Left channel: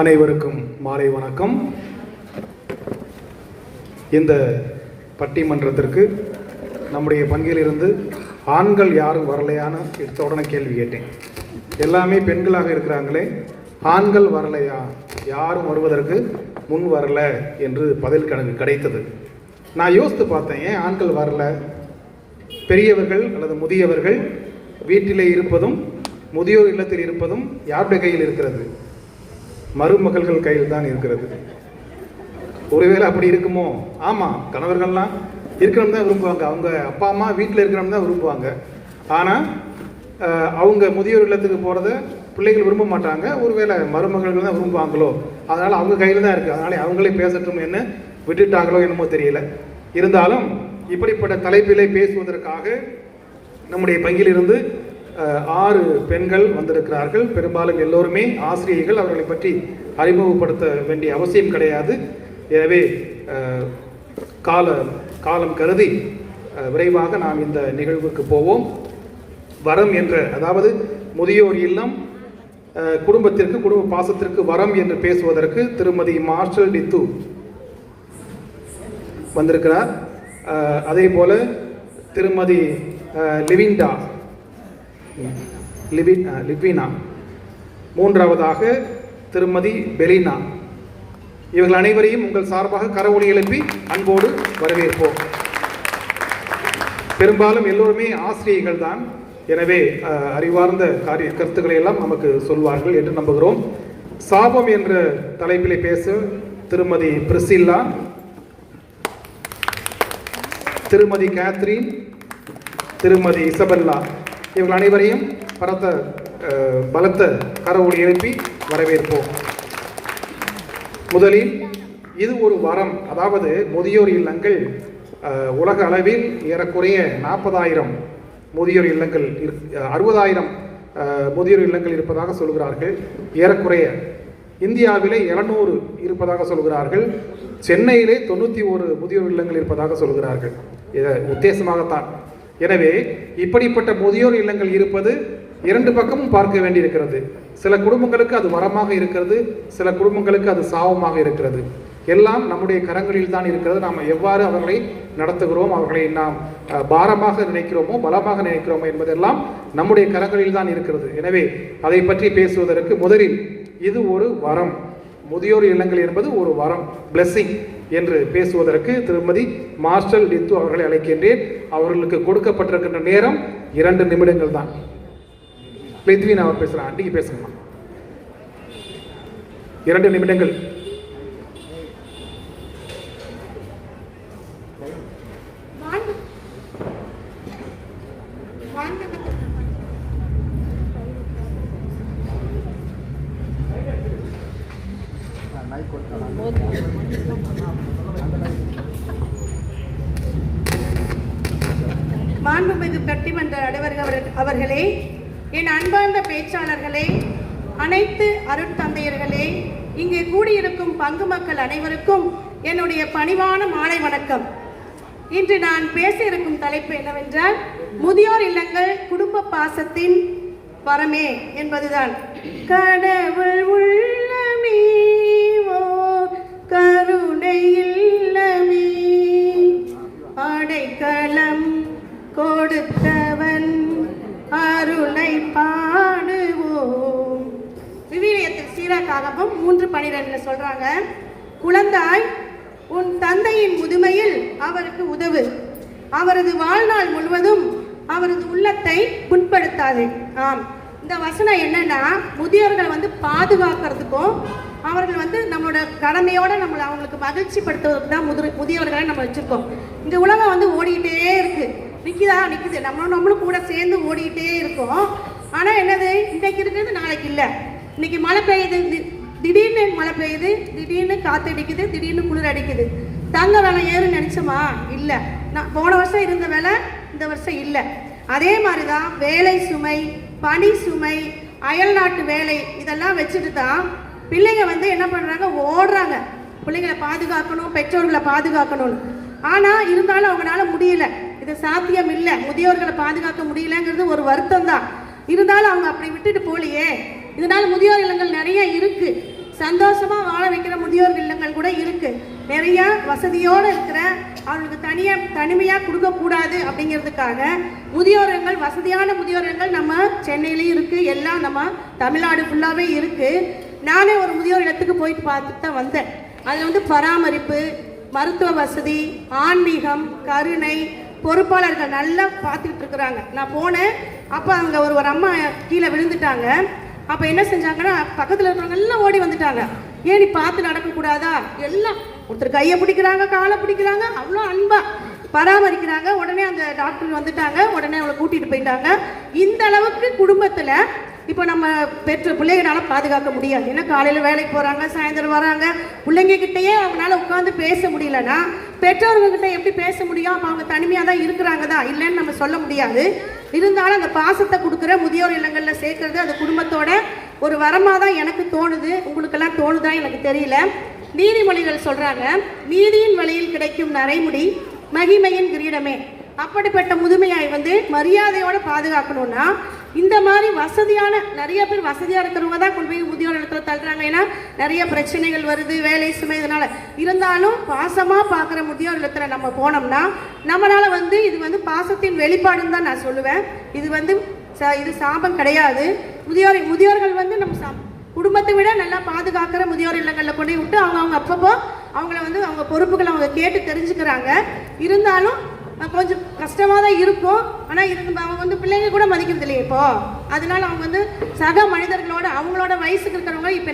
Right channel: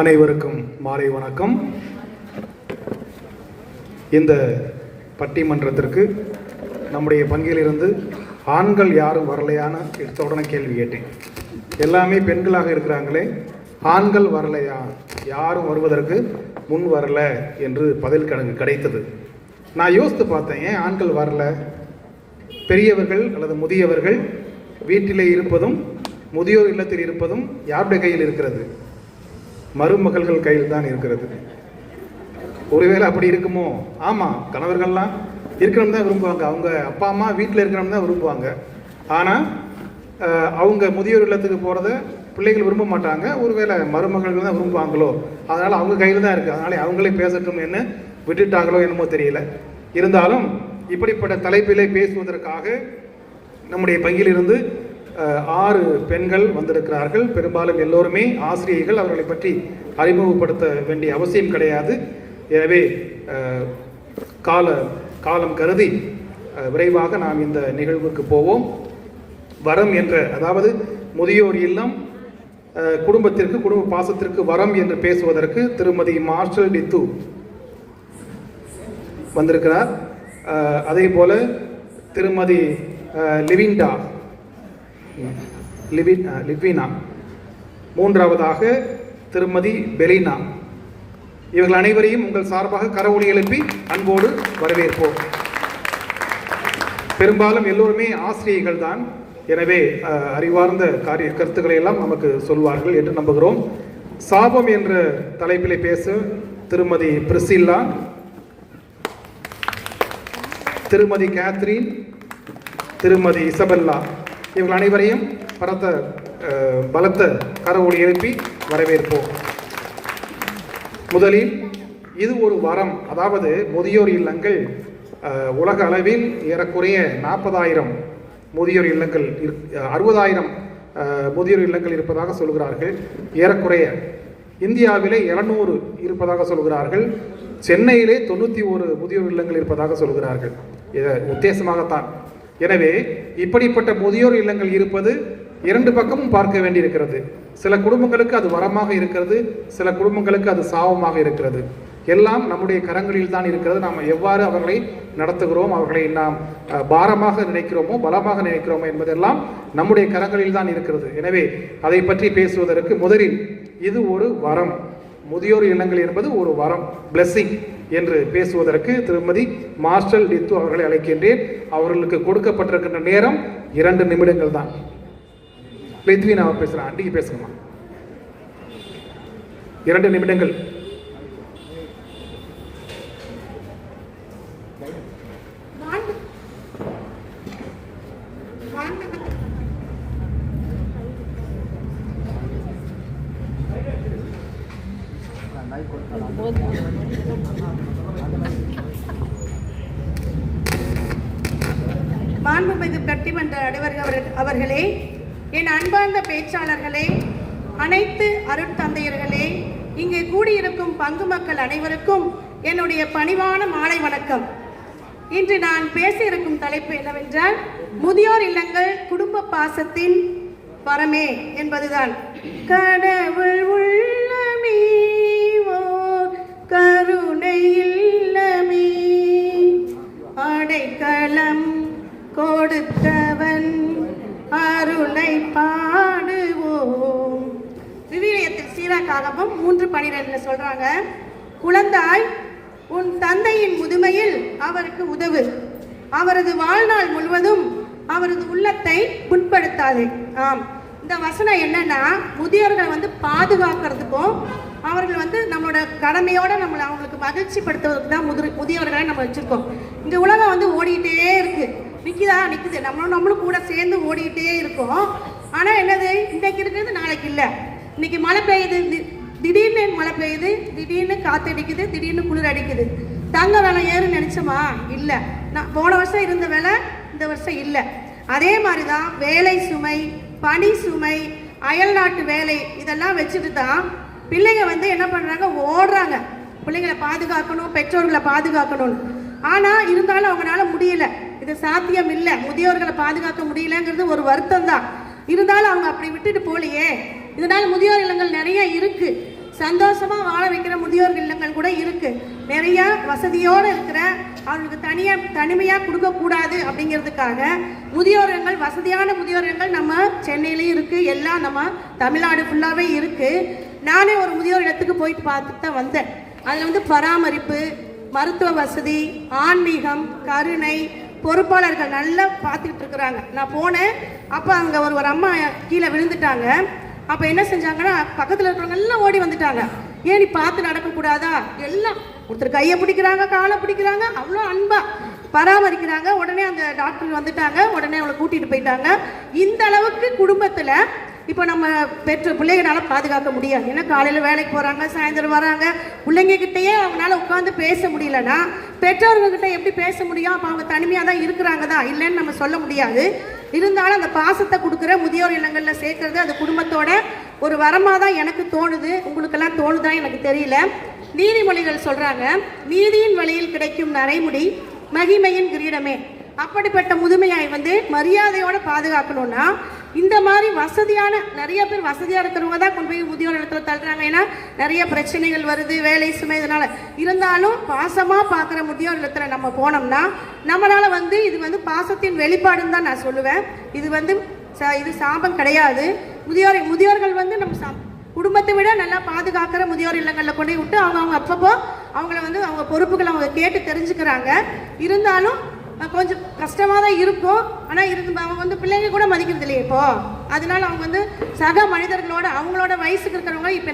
அனைவருக்கும் மாலை வணக்கம். இந்த பட்டிமன்றத்திற்கு நம்முடைய பங்கிலிருந்து ஆண்கள் யாரும் வரலையான உடனே கேள்வி கேட்டேன். எல்லாமே பெண்களாக இருக்கிறாங்களே, ஆண்கள் வரலையா, யாரும் வருவதற்கு முன் வரல என்று பதில் கணக்கு கிடைத்தது. நான் யோசித்து பார்த்தேன், ஏன் ஆண்கள் வரல? பெரியவர்கள் அல்லது முதியவர்கள் வீட்டிலே இருப்பதும் முதியோர் இல்லத்தில் இருப்பதும் யாருடைய கையில் இருக்கிறது? மருமகள்கள் கையில் தான் இருக்கிறது. ஒருவேளை அப்படி இருக்குமோ? ஆமாம், கணவர்கள்லாம் இருக்கணும் தான் விரும்புவாங்க, அவங்க அப்பா அம்மா வீட்டில் இருக்கணும் தான் விரும்புவாங்க. ஆனால் அவங்க முதியோர் இல்லத்துக்கு போகிறத பிள்ளைகள் விரும்ப மாட்டாங்க. ஒருவேளை மருமகள்கள் தான் விரும்புவாங்களோ, அதனால் அவங்க கையில் தான் இருக்குது. அதனால் அவங்களே பேசட்டும் என்ன விட்டுட்டாங்களோ என்னமோ தெரியல. இருந்தாலும் இப்படிப்பட்ட தலைப்பிலே பேசுவதற்காக நம்முடைய பங்கிலிருந்து 6 பெண்கள் வந்திருக்கிறார்கள். பெரும்பாலும் எல்லோருமே ஆசிரியர்கள். அவர்களை பற்றி அறிமுகப்படுத்த வேண்டிய அவசியம் கிடையாது. எனவே காலம் கருதி விரைவாக நாம் இந்த நிகழ்வுக்கு போவோம். வரம் என்ற, அதாவது முதியோர் இல்லம் குடும்பத்திற்கு, குடும்ப பாசத்திற்கு வரம் என்று பேசுவதற்கு திருமதி மார்ஷல் டித்து வந்திருக்கிறார். அதே போல திருமதி லிவினா, மூன்றாவதாக திருமதி பெலினா. இவர்கள் அனைவரையும் உங்கள் சார்பாக கரவொலி எழுப்பி அன்போடு வரவேற்போம். பெரும்பாலும் எல்லோருமே ஆசிரியர்கள் தான். எனவே அறிவார்ந்த கருத்துக்களை எல்லாம் நமக்கு சொல்வார்கள் என்று நம்புகிறோம். சாபம் என்ற தலைப்பிலே பேச திருமதி பிரிசில்லா, திருமதி கேத்ரின், திருமதி இசபெல்லா, இவர்கள் அனைவரையும் பலத்த கரவொலி எழுப்பி வரவேற்போம். முதலில் இது ஒரு வரம். அதாவது முதியோர் இல்லங்கள் உலக அளவில் ஏறக்குறைய 40,000 முதியோர் இல்லங்கள், 60,000 முதியோர் இல்லங்கள் இருப்பதாக சொல்கிறார்கள். ஏறக்குறைய இந்தியாவிலே 700 இருப்பதாக சொல்கிறார்கள். சென்னையிலே 91 முதியோர் இல்லங்கள் இருப்பதாக சொல்கிறார்கள். உத்தேசமாகத்தான். எனவே இப்படிப்பட்ட முதியோர் இல்லங்கள் இருப்பது 2 பக்கமும் பார்க்க வேண்டியிருக்கிறது. சில குடும்பங்களுக்கு அது வரமாக இருக்கிறது, சில குடும்பங்களுக்கு அது சாபமாக இருக்கிறது. எல்லாம் நம்முடைய கரங்களில் தான் இருக்கிறது. நாம் எவ்வாறு அவர்களை நடத்துகிறோம், அவர்களை நாம் பாரமாக நினைக்கிறோமோ பலமாக நினைக்கிறோமோ என்பதெல்லாம் நம்முடைய கரங்களில் தான் இருக்கிறது. எனவே அதை பற்றி பேசுவதற்கு முதலில் இது ஒரு வரம், முதியோர் இல்லங்கள் என்பது ஒரு வரம், பிளெஸிங் என்று பேசுவதற்கு திருமதி மார்ஷல் டித்து அவர்களை அழைக்கின்றேன். அவர்களுக்கு கொடுக்கப்பட்டிருக்கின்ற நேரம் 2 நிமிடங்கள் தான். லித்வினா பேசலாம், அன்றைக்கு பேசலாம். 2 நிமிடங்கள். மாண்புமிகு பட்டிமன்ற நடுவர்கள் அவர்களே, என் அன்பார்ந்த பேச்சாளர்களே, அனைத்து அருட்தந்தையர்களே, இங்கு கூடியிருக்கும் பங்கு மக்கள் அனைவருக்கும் என்னுடைய பணிவான மாலை வணக்கம். இன்று நான் பேச இருக்கும் தலைப்பு என்னவென்றால், முதியோர் இல்லங்கள் குடும்ப பாசத்தின் வரமே என்பதுதான். கடவுள் உள்ளமே கருணை இல்லமே, அடைக்கலம் கொடுத்தவன் அருளை பாடுவோம். விவிலியத்தில் சீராக்காகவும் 3:12 சொல்றாங்க, குழந்தாய் உன் தந்தையின் முதுமையில் அவருக்கு உதவு, அவரது வாழ்நாள் முழுவதும் அவரது உள்ளத்தை புண்படுத்தாது. ஆம், இந்த வசனம் என்னன்னா, முதியோர்கள் பாதுகாக்கிறதுக்கும் அவர்கள் நம்மளோட கடமையோட நம்மளை அவங்களுக்கு மகிழ்ச்சி படுத்துவதற்கு தான் முதியோர்களை நம்ம வச்சிருக்கோம். இந்த உலகம் ஓடிக்கிட்டே இருக்கு, நிற்குது, நம்மளும் கூட சேர்ந்து ஓடிக்கிட்டே இருக்கோம். ஆனால் என்னது, இன்னைக்கு இருக்கிறது நாளைக்கு இல்லை. இன்னைக்கு மழை பெய்யுது, திடீர்னு மழை பெய்யுது, திடீர்னு காற்று அடிக்குது, திடீர்னு குளிர் அடிக்குது. தங்க விலை ஏறுன்னு நினைச்சோமா? இல்லை. நான் போன வருஷம் இருந்த விலை இந்த வருஷம் இல்லை. அதே மாதிரி தான் வேலை சுமை, பணி சுமை, அயல் நாட்டு வேலை, இதெல்லாம் வச்சுட்டு தான் பிள்ளைங்க என்ன பண்ணுறாங்க, ஓடுறாங்க. பிள்ளைங்களை பாதுகாக்கணும், பெற்றோர்களை பாதுகாக்கணும். ஆனால் இருந்தாலும் அவங்களால முடியல. இது சாத்தியம் இல்லை. முதியோர்களை பாதுகாக்க முடியலங்கிறது ஒரு வருத்தம் தான். இருந்தாலும் அவங்க அப்படி விட்டுட்டு போலையே. இதனால முதியோர் இல்லங்கள் நிறைய இருக்கு. சந்தோஷமா வாழ வைக்கிற முதியோர் இல்லங்கள் கூட இருக்கு. நிறைய வசதியோடு இருக்கிற அவங்களுக்கு தனிமையா கொடுக்க கூடாது அப்படிங்கிறதுக்காக முதியோர் இல்லங்கள், வசதியான முதியோர் இல்லங்கள் நம்ம சென்னையிலயும் இருக்கு, எல்லாம் நம்ம தமிழ்நாடு ஃபுல்லாவே இருக்கு. நானே ஒரு முதியோர் இல்லத்துக்கு போயிட்டு பார்த்துட்டு தான் வந்தேன். அதுல பராமரிப்பு, மருத்துவ வசதி, ஆன்மீகம், கருணை, பொறுப்பாளர்கள் நல்லா பார்த்துட்டு இருக்கிறாங்க. நான் போனேன், அப்போ அங்கே ஒரு அம்மா கீழே விழுந்துட்டாங்க. அப்போ என்ன செஞ்சாங்கன்னா பக்கத்தில் இருக்கிறவங்க எல்லாம் ஓடி வந்துட்டாங்க. ஏன் நீ பார்த்து நடக்கக்கூடாதா? எல்லாம் ஒருத்தர் கையை பிடிக்கிறாங்க, காலை பிடிக்கிறாங்க, அவ்வளோ அன்பா பராமரிக்கிறாங்க. உடனே அந்த டாக்டர் வந்துட்டாங்க, உடனே அவளை கூட்டிட்டு போயிட்டாங்க. இந்த அளவுக்கு குடும்பத்தில் இப்போ நம்ம பெற்ற பிள்ளைகளால பாதுகாக்க முடியாது. ஏன்னா காலையில் வேலைக்கு போகிறாங்க, சாயந்தரம் வராங்க, பிள்ளைங்க கிட்டேயே அவங்களால உட்காந்து பேச முடியலன்னா பெற்றோர்கிட்ட எப்படி பேச முடியும்? அப்போ அவங்க தனிமையாக தான் இருக்கிறாங்க தான், இல்லைன்னு நம்ம சொல்ல முடியாது. இருந்தாலும் அந்த பாசத்தை கொடுக்குற முதியோர் இல்லங்களில் சேர்க்கறது அது குடும்பத்தோட ஒரு வரமாக தான் எனக்கு தோணுது. உங்களுக்கெல்லாம் தோணுதா எனக்கு தெரியல. நீதிமொழிகள் சொல்கிறாங்க, நீதியின் வழியில் கிடைக்கும் நரைமுடி மகிமையின் கிரீடமே. அப்படிப்பட்ட முதுமையாய் மரியாதையோட பாதுகாக்கணும்னா இந்த மாதிரி வசதியான, நிறைய பேர் வசதியாக இருக்கிறவங்க தான் கொண்டு போய் முதியோர் இடத்துல தள்ளுறாங்க. ஏன்னா நிறைய பிரச்சனைகள் வருது, வேலை சுமை, இதனால. இருந்தாலும் பாசமாக பார்க்குற முதியோர் இடத்துல நம்ம போனோம்னா நம்மளால இது பாசத்தின் வெளிப்பாடுன்னு தான் நான் சொல்லுவேன். இது சாபம் கிடையாது. முதியோர்கள் நம்ம குடும்பத்தை விட நல்லா பாதுகாக்கிற முதியோர் இல்லங்களில் கொண்டு விட்டு அவங்க அப்பப்போ அவங்கள அவங்க பொறுப்புகளை அவங்க கேட்டு தெரிஞ்சுக்கிறாங்க. இருந்தாலும் கொஞ்சம் கஷ்டமாக தான் இருக்கும். ஆனால் அவங்க பிள்ளைங்க கூட மதிக்கிறது இல்லையே இப்போ. அதனால அவங்க சக மனிதர்களோட அவங்களோட வயசுக்கு இருக்கிறவங்க இப்போ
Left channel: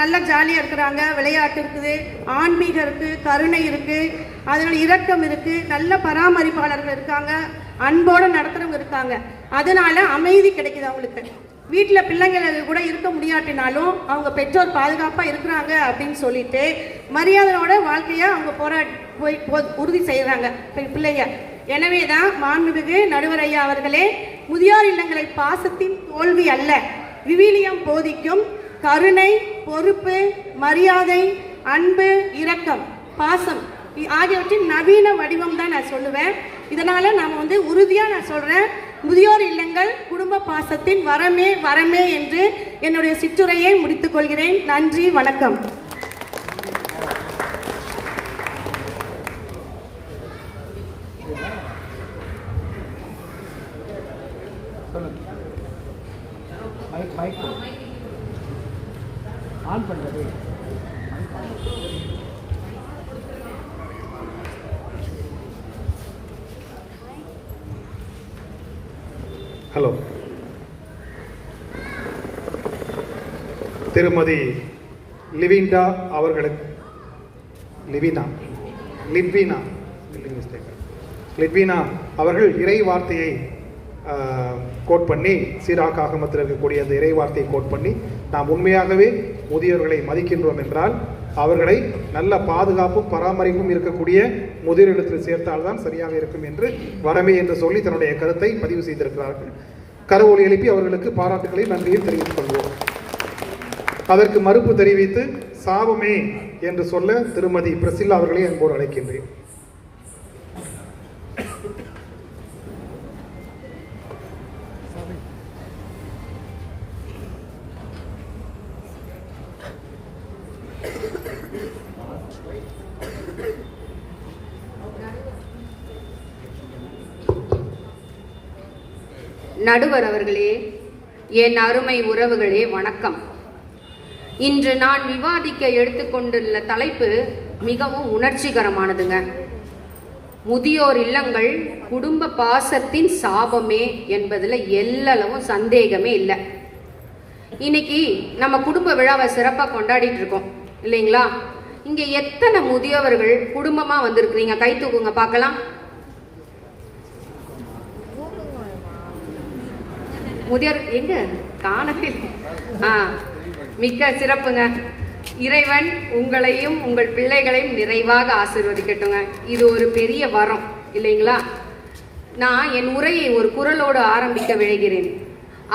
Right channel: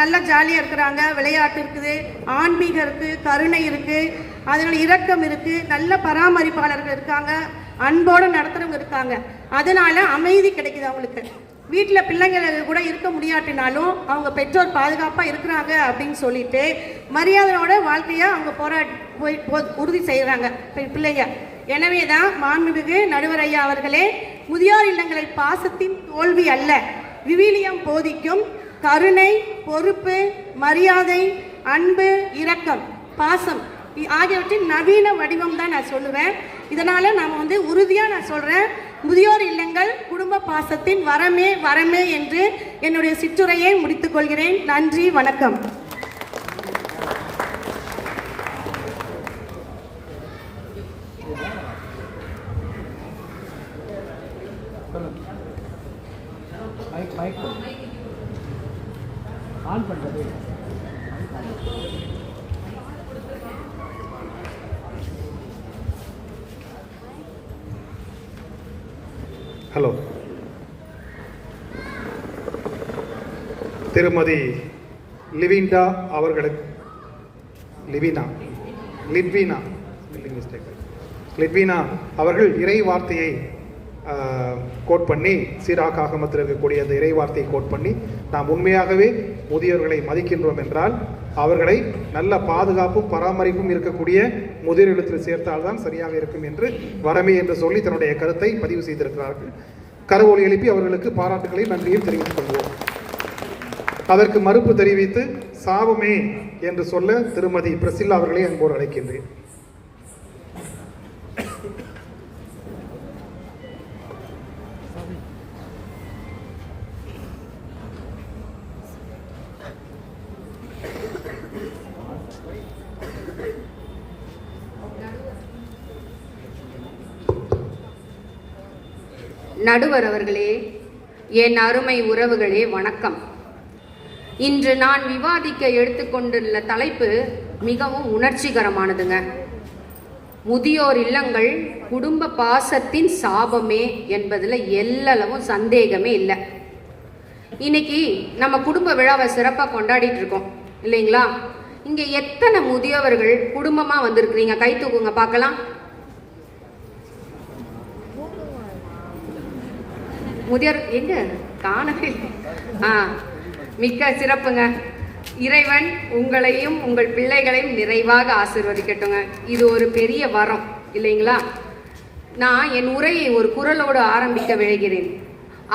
நல்லா ஜாலியாக இருக்கிறாங்க. விளையாட்டு இருக்குது, ஆன்மீகம் இருக்குது, கருணை இருக்குது, அதனால இரக்கம் இருக்குது, நல்ல பராமரிப்பாளர்கள் இருக்காங்க, அன்போடு நடத்துறவங்க இருக்காங்க. அதனால அமைதி கிடைக்குது அவங்களுக்கு. வீட்டில் பிள்ளைங்களை கூட இருக்க முடியாட்டினாலும் அவங்க பெற்றோர் பாதுகாப்பாக இருக்கிறாங்க அப்படின்னு சொல்லிட்டு மரியாதையோட வாழ்க்கையை அவங்க போய் உறுதி செய்கிறாங்க பிள்ளைங்க. எனவே தான் மாண்புமிகு நடுவர் ஐயா அவர்களே, முதியோர் இல்லங்களை பாசத்தின் தோல்வி அல்ல, விவிலியம் போதிக்கும் கருணை, பொறுப்பு, மரியாதை, அன்பு, இரக்கம், பாசம் ஆகியவற்றின் நவீன வடிவம் தான் நான் சொல்லுவேன். இதனால நாம உறுதியாக நான் சொல்றேன், முதியோர் இல்லங்கள் குடும்ப பாசத்தின் வரமே வரமே என்று என்னுடைய சிற்றுரையை முடித்துக் கொள்கிறேன். நன்றி, வணக்கம். ஆன் பண்றது. ஹலோ, திருமதி லிவினா அவர்கள் இறை வார்த்தையை கோட் பண்ணி, சீராக் ஆகமத்தில் இருக்கக்கூடிய அந்த இறை வார்த்தையை கோட் பண்ணி, நாம் உண்மையாகவே முதியோர்களை மதிக்கின்றோம் என்றால் அவர்களை நல்ல பாதுகாப்பும் பராமரிப்பும் இருக்கக்கூடிய முதியோர் இல்லத்தில் சேர்த்தால்தான் சரியாக இருக்கும் என்று வரமே என்று சொல்லி தன்னுடைய கருத்தை பதிவு செய்திருக்கிறார்கள். கரவொலி எழுப்பி அவர்களுக்கு பாராட்டுகளை நன்றியை தெரிவித்துக் கொள்வோம். அதற்கு மறுப்பு தெரிவித்து சாபமே என்று சொல்ல திருமதி பிரசில்லா அவர்களை அன்போடு அழைக்கின்றேன். நடுவர் அவர்களே, என் அருமை உறவுகளே, வணக்கம். இன்று நான் விவாதிக்க எடுத்துக்கொண்டுள்ள தலைப்பு மிகவும் உணர்ச்சிகரமானதுங்க. முதியோர் இல்லங்கள் குடும்ப பாசத்தின் சாபமே என்பதில் எல்லளவும் சந்தேகமே இல்லை. இன்னைக்கு நம்ம குடும்ப விழாவை சிறப்பாக கொண்டாடிட்டு இருக்கோம் இல்லைங்களா? இங்கே எத்தனை முதியவர்கள் குடும்பமாக வந்திருக்கிறீங்க? கை தூக்குங்க பார்க்கலாம். முதியோர் எங்க காணவே? மிக்க சிறப்புங்க. இறைவன் உங்களையும் உங்கள் பிள்ளைகளையும் நிறைவாக ஆசீர்வதிக்கட்டுங்க. இது ஒரு பெரிய வரம் இல்லைங்களா? நான் என் உரையை ஒரு குரலோடு ஆரம்பிக்க விழைகிறேன்.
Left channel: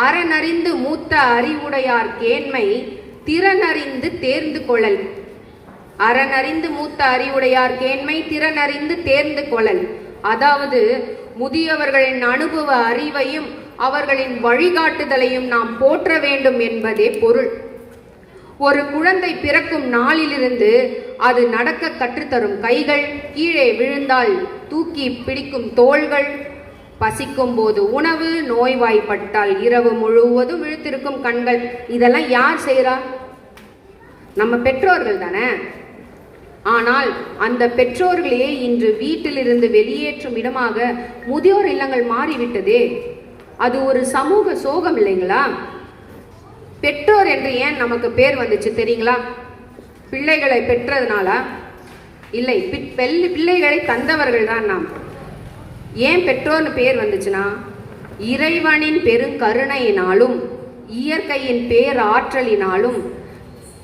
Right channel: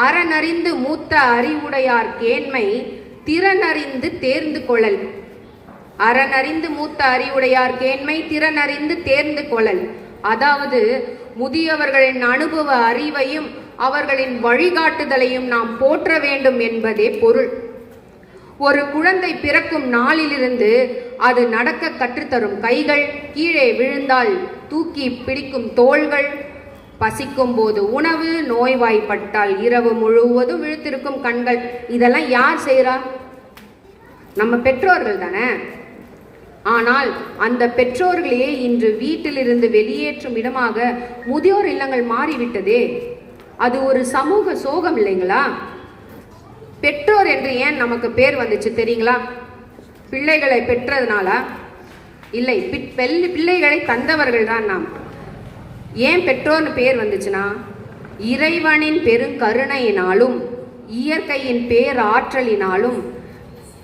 அறனறிந்து மூத்த அறிவுடையார் கேண்மை திறனறிந்து தேர்ந்து கொள்ளல். அறனறிந்து மூத்த அறிவுடையார் கேண்மை திறனறிந்து தேர்ந்து கொள்ளல். அதாவது முதியவர்களின் அனுபவ அறிவையும் அவர்களின் வழிகாட்டுதலையும் நாம் போற்ற வேண்டும் என்பதே பொருள். ஒரு குழந்தை பிறக்கும் நாளிலிருந்து அது நடக்க கற்றுத்தரும் கைகள், கீழே விழுந்தால் தூக்கி பிடிக்கும் தோள்கள், பசிக்கும் போது உணவு, நோய்வாய்ப்பட்டால் இரவு முழுவதும் விழித்திருக்கும் கண்கள், இதெல்லாம் யார் செய்யறா? நம்ம பெற்றோர்கள் தானே. ஆனால் அந்த பெற்றோர்களே இன்று வீட்டிலிருந்து வெளியேற்றும் இடமாக முதியோர் இல்லங்கள் மாறிவிட்டதே. அது ஒரு சமூக சோகம் இல்லைங்களா? பெற்றோர் என்று ஏன் நமக்கு பேர் வந்துச்சு தெரியுங்களா? பிள்ளைகளை பெற்றதுனால இல்லை, பிள்ளைகளை தந்தவர்கள் தான் நாம். ஏன் பெற்றோர்னு பேர் வந்துச்சுன்னா, இறைவனின் பெருங்கருணையினாலும் இயற்கையின் பேராற்றலினாலும்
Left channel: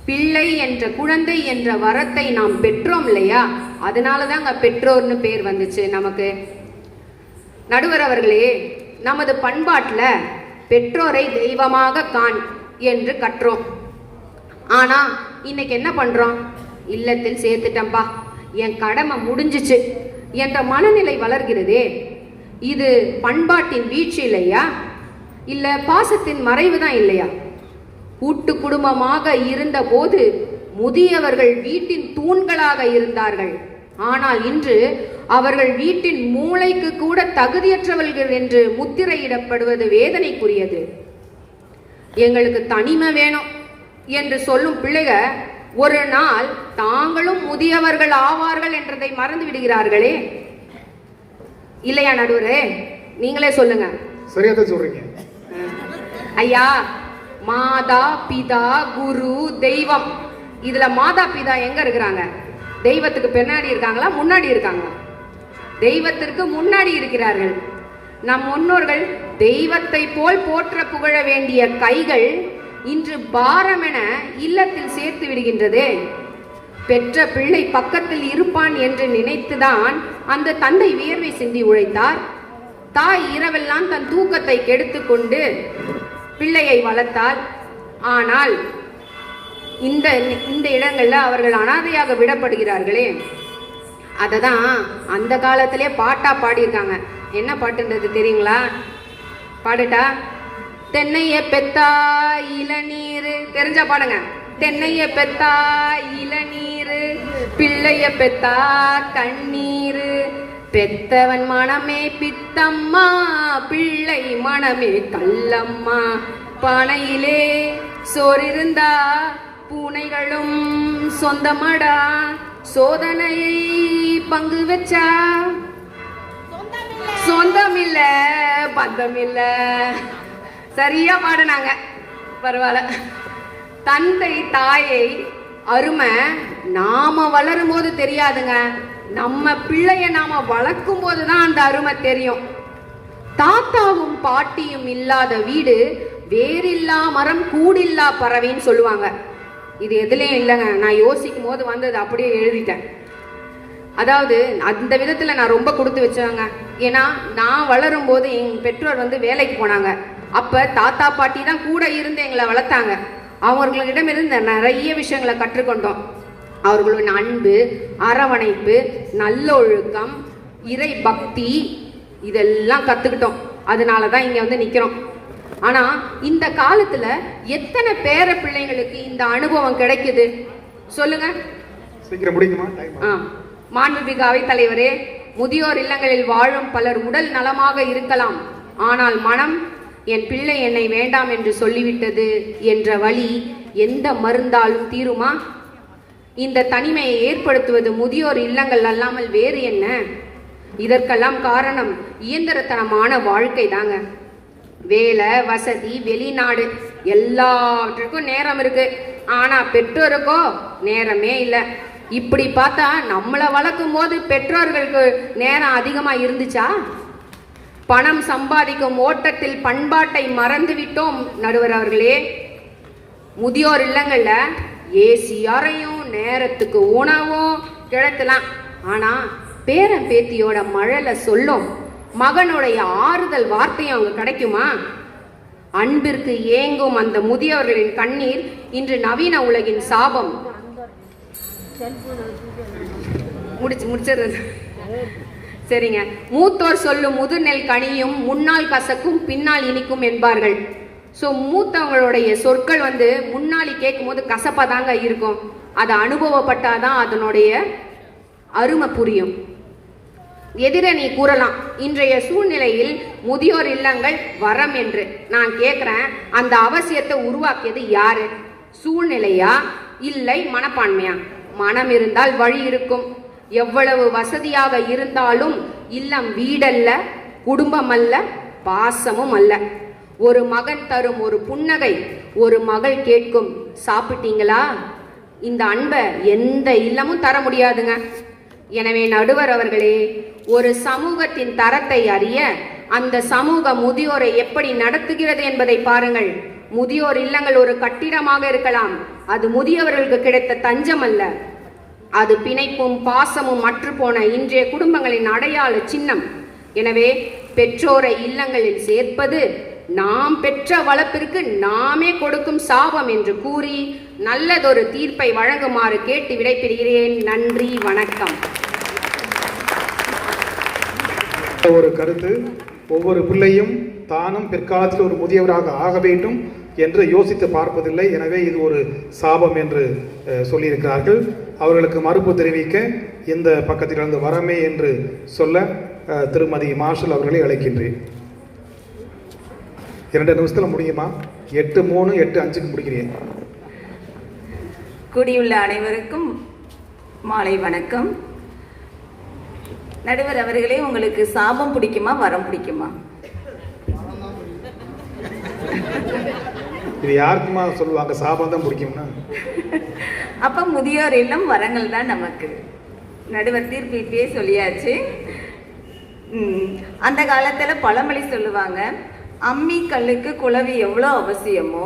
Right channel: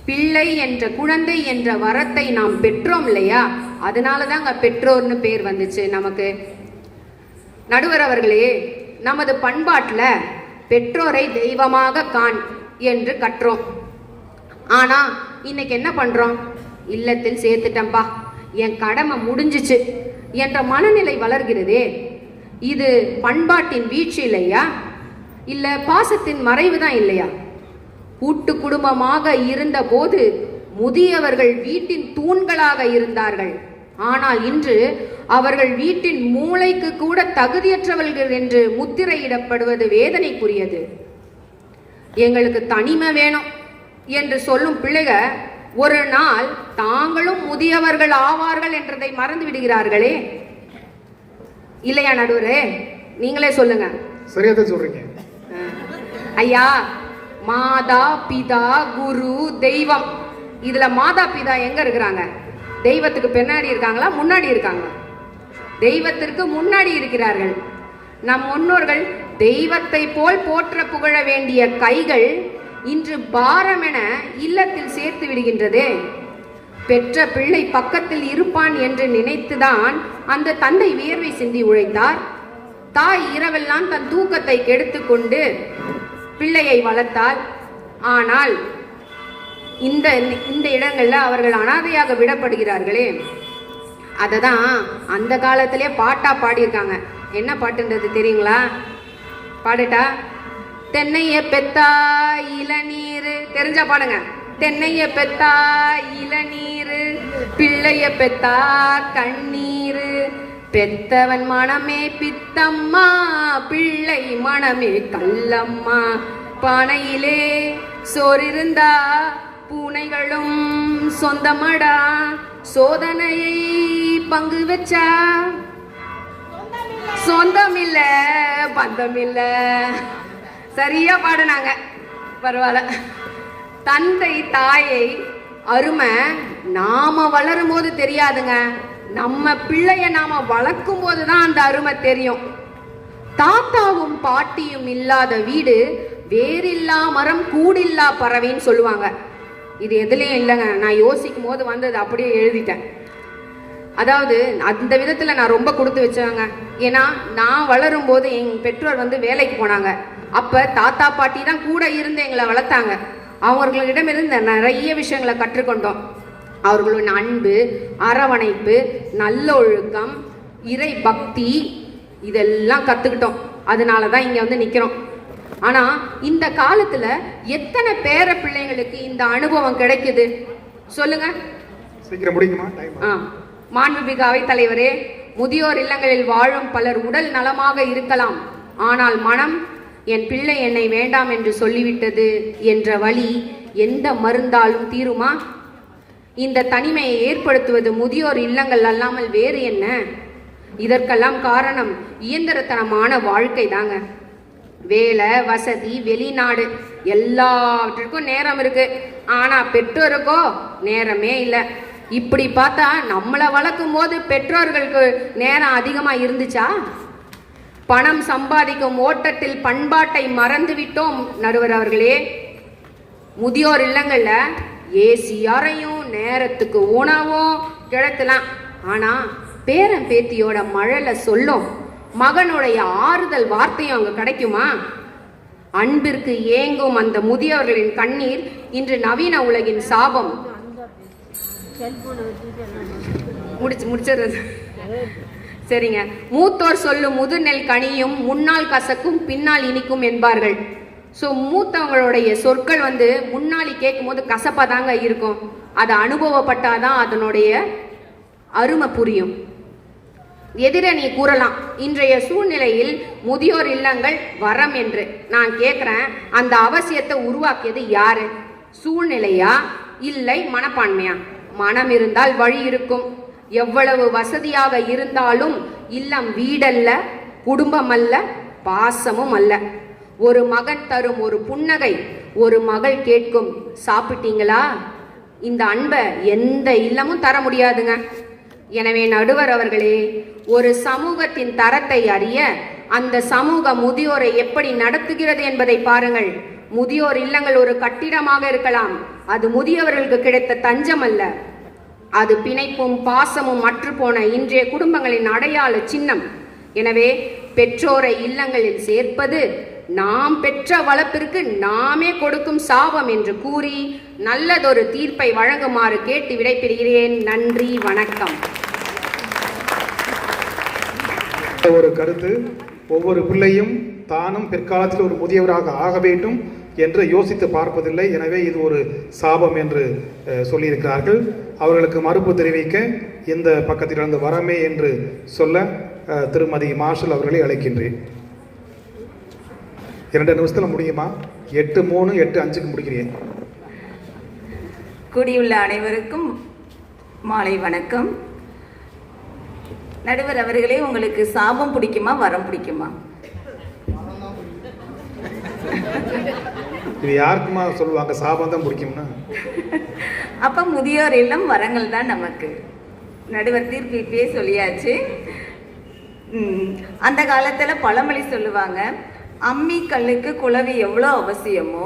பிள்ளை என்ற, குழந்தை என்ற வரத்தை நாம் பெற்றோம் இல்லையா? அதனாலதாங்க பெற்றோர்னு பேர் வந்துச்சு நமக்கு. நடுவர் அவர்களே, நமது பண்பாட்டுல பெற்றோரை தெய்வமாக காண் என்று கற்றோம். ஆனா இன்னைக்கு என்ன பண்றோம்? இல்லத்தில் சேர்த்துட்டம்பா, என் கடமை முடிஞ்சிச்சு என்ற மனநிலை வளர்கிறதே. இது பண்பாட்டின் வீழ்ச்சி இல்லையா? இல்ல பாசத்தின் மறைவு தான் இல்லையா? கூட்டு குடும்பமாக இருந்த போது முதியவர்கள் வீட்டின் தூண்களாக இருந்தார்கள். ஆனால் இன்று அவர்கள் வீட்டின் மூளைக்கு கூட தகுதியற்றவர்கள் என்று முத்திரையிடப்படுவது வேதனைக்குரியது. எங்களுக்கு தனிமை வேணும் என்று சொல்லும் பிள்ளைகள் ஒரு நாள் தாங்களும் முதியவர்கள் ஆவார்கள் என்றதை மறந்து விடுகிறார்களே. இல்லையா நடுவரே? நீங்களே சொல்லுங்க. சரியாத சொல்றீங்க ஐயா. மாதா பிதா குரு தெய்வம், இதுல மாதா பிதா எங்க இருக்கிறாங்க? தெய்வத்துக்கு பின்னாடி இருக்காங்களா, முன்னாடி இருக்காங்க? தெய்வத்திற்கு முன்னாடி இருக்கிறார்கள். நம் முன்னோர்கள் தெய்வத்தை போல் போற்ற புகழ வேண்டிய கைகள் இன்று பாரமென இல்லத்தில் சேர்த்து விடுகின்றதே. பெற்ற பிள்ளை பக்கத்தில் இருப்பான் என்று நினைத்துதான் அந்த தந்தை வியர்வை சிந்தி உழைத்தார். தாய் இரவெல்லாம் தன் தூக்கத்தை கெடுத்து கொண்டு பிள்ளையை வளர்த்தார். ஆனால் இந்த இடங்கள்ல அவர்கள் அனாதையாக விடப்படுகிறார்களே. அததான் அந்த காலத்திலே பாட்டா பாடியிருக்காங்க. என்ன பாட்டுன்றது தெரியுங்களா? பாடட்டா? தென்னைய பெத்தா இளநீர், தெரிஞ்சா பாடுங்க. தென்னைய பெத்தா இளநீர், பிள்ளைய பெத்தா கண்ணீர், பெத்தவன் மனமே பித்தம்மா, பிள்ளை மனமே கல்லம்மா, பானையிலே சோறிருந்தா பூனைகளும் சொந்தமடா, சோதனை பங்கு வச்சா சொந்தமில்ல பந்தமில்ல. சரியா பாடுனாங்க, பரவாயில்ல. தந்தை தாயை அருமை நாம வளரும் போது தெரியாதுங்க, நம்ம பிள்ளைய நாம வளர்க்கும் போதுதான் அந்த அருமை தெரியும். தாத்தாவும் பாட்டியும் இல்லாத வீடு வேறில்லா மரம் கூடில்லா பறவைன்னு சொல்லுவாங்க. இது எதுலயும் இல்லைங்க, நான் யோசிக்கும் போது வந்தது அப்படியே எழுதிட்டேன். அதாவது அந்த விதத்துல நான் ரொம்ப கொடுத்து வச்சேங்க. ஏன்னா நான் வளரும் போது என் பெற்றோர் வேலைக்கு போனாங்க. அப்ப தாத்தா பாட்டி தான் கூட இருந்து எங்களை வளர்த்தாங்க. அவர்களிடமிருந்து நிறைய விஷயங்களை கற்றுக்கொண்டோம். அவர்களின் அன்பு, அரவணைப்பு, நல்லொழுக்கம், இறை பக்தி, இதெல்லாம் கத்துக்கிட்டோம். அதனாலதான் இங்க நிக்கிறோம். ஆனா இந்த காலத்துல எத்தனை பேர பிள்ளைங்களுக்கு இந்த அனுபவம் கிடைக்குது சொல்லுங்க. சீக்கிரம் முடிக்குமா? மாண்புமிகு அவைத்தலைவரே, முதியோர் இல்லங்களில் வாழும் பலர் உடல் நலமாக இருக்கலாம், ஆனால் மனம் என் பிள்ளை என்னை வேண்டாம் என்று சொல்லிவிட்டது என்ற வழி எந்த மருந்தாலும் தீருமா? இந்த தனிமையை ஏற்படுத்துவது முதியோர் இல்லங்கள் அல்லாமல் வேறு என்ன? இதற்கெல்லாம் காரணம் இயந்திரத்தனமான வாழ்க்கை தாங்க. வேலை, வசதி, வெளிநாடு எல்லாவற்றுக்கும் நேரம் இருக்கு, ஆனா பெற்றோருக்கோ நேரமே இல்லை. இப்படி பார்த்தா நம்மளை வளர்க்கும் போது பெற்றோர்களுக்கு நேரம் அதிகமா இருந்துச்சா? பணம் சம்பாதிக்கும் ஓட்டத்தில் பண்பாட்டை மறந்து விட்டோம் நடுவர் அவர்களே. முதியோர் இல்லங்கள்ல ஏசி அறையும், நேரத்துக்கு உணவும் கிடத்தலாம். ஆனா பேரன் பேத்தியோட மழலை சொல்லும், மகனுடைய ஆறுதல் வார்த்தையும் அங்க கிடைக்குமா? அன்பிற்கு ஏங்கும் அந்த முதியவர்களின் கண்ணீர் இன்று நவீன உலகின் சாபம். முடிச்சிடுறது சரிங்க. மூத்தோர் சொல்லும் முதுநெல் கனியும் முன்னால் கசக்கும் பின்னால் இனிக்கும் என்பார்கள். ஸோ மூத்தவங்களுடைய சொற்கள் வந்து முன்னாடி கேட்கும்போது கசப்பாக தாங்க இருக்கும். அதை அனுபவப்பட்டாதான் அதனுடைய அருமை புரியும். எதிரணி கூறலாம், இன்றைய சூழ்நிலையில் முதியோர் இல்லங்கள் வரம் என்று. நான் கேட்குறேன், அந்த அவசியத்தை உருவாக்கியது யாரு? சூழ்நிலையா இல்லை மனப்பான்மையா? மனம் இருந்தால் வழி இருக்கும். எவ்வளவு வசதியாக இருந்தாலும் இல்லம் வீடல்ல, குடும்பம் அல்ல, பாசமும் அல்ல. ஒரு மகன் தரும் ஒரு புன்னகை, ஒரு மகள் கேட்கும் சாப்பிட்டீங்களா, இந்த அன்பை எந்த இல்லமும் தர முடியாதுங்க. எனவே நடுவர் அவர்களே, ஒரு சமூகத்தின் தரத்தை அறிய அந்த சமூக முதியோரை எப்படி நடத்துகிறது என்பதை பாருங்கள். முதியோர் இல்லங்கள் ஒரு கட்டிடமாக இருக்கலாம், அது முதியவர்களுக்கு கிடைத்த தஞ்சம் அல்ல. அது பிணைப்பும் பாசமும் அற்றுப்போன இன்றைய குடும்பங்களின் அடையாள சின்னம். எனவே பெற்றோரை இல்லங்களில் சேர்ப்பது நாம் பெற்ற வளர்ப்பிற்கு நாமே கொடுக்கும் சாபம் என்று கூறி நல்லதொரு தீர்ப்பை வழங்குமாறு கேட்டு விடைபெறுகிறேன். நன்றி, வணக்கம். ஒரு கருத்து, ஒவ்வொரு பிள்ளையும் தானும் பிற்காலத்தில் ஒரு முதியவராக ஆக வேண்டும் என்று யோசித்து பார்ப்பதில்லை. எனவே இது ஒரு சாபம் என்று சொல்லியிருக்கிறார்கள். அவர்களுக்கு மறுப்பு தெரிவிக்க இந்த பக்கத்திலிருந்து வரமே என்று சொல்ல திருமதி மார்ஷல் அவர்களை அழைக்கின்றேன். 2 நிமிஷத்தில் முடியுமா? 8:3, 8:5 முடிக்கிறேன். கூடியுள்ள அனைவருக்கும் மாலை வணக்கம். நடுவர் அவர்களே, உங்களுக்கு சாபம் பிடிக்குமா, வரம் பிடிக்குமா? இது யாருக்குமா சொல்லுவாங்க சாபம் தான் பிடிக்கும்னா? அப்ப முதியோர் இல்லம் வரங்கள் தான் நமக்கு. நடுவர் தீர்ப்பு இப்பயே சொல்லியாச்சு. அந்த காலத்துல பழமொழி சொல்லுவாங்க, அம்மி கல்லுக்கு குளவி எவ்வளோ அவசியமோ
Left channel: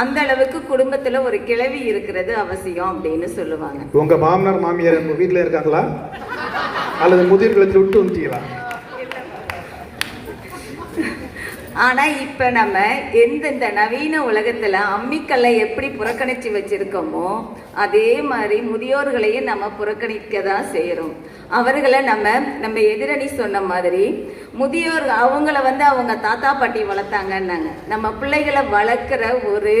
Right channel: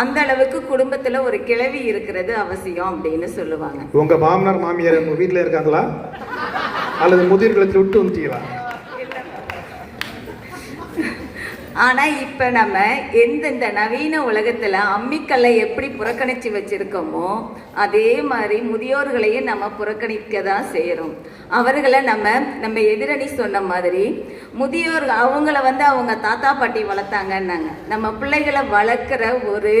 அந்த அளவுக்கு குடும்பத்துல ஒரு கிழவி இருக்கிறது அவசியம் அப்படின்னு சொல்லுவாங்க. உங்க மாமனார் மாமியார் உங்க வீட்டுல இருக்காங்களா அல்லது முதியோர்களுக்கு விட்டு வந்துட்டீங்களா? ஆனா இப்ப நம்ம எந்தெந்த நவீன உலகத்துல அம்மிக்கல்லை எப்படி புறக்கணிச்சு வச்சிருக்கோமோ அதே மாதிரி முதியோர்களையும் நம்ம புறக்கணிக்க தான் செய்யறோம். அவர்களை நம்ம எதிரணி சொன்ன மாதிரி முதியோர் அவங்கள அவங்க தாத்தா பாட்டி வளர்த்தாங்கன்னாங்க. நம்ம பிள்ளைகளை வளர்க்குற ஒரு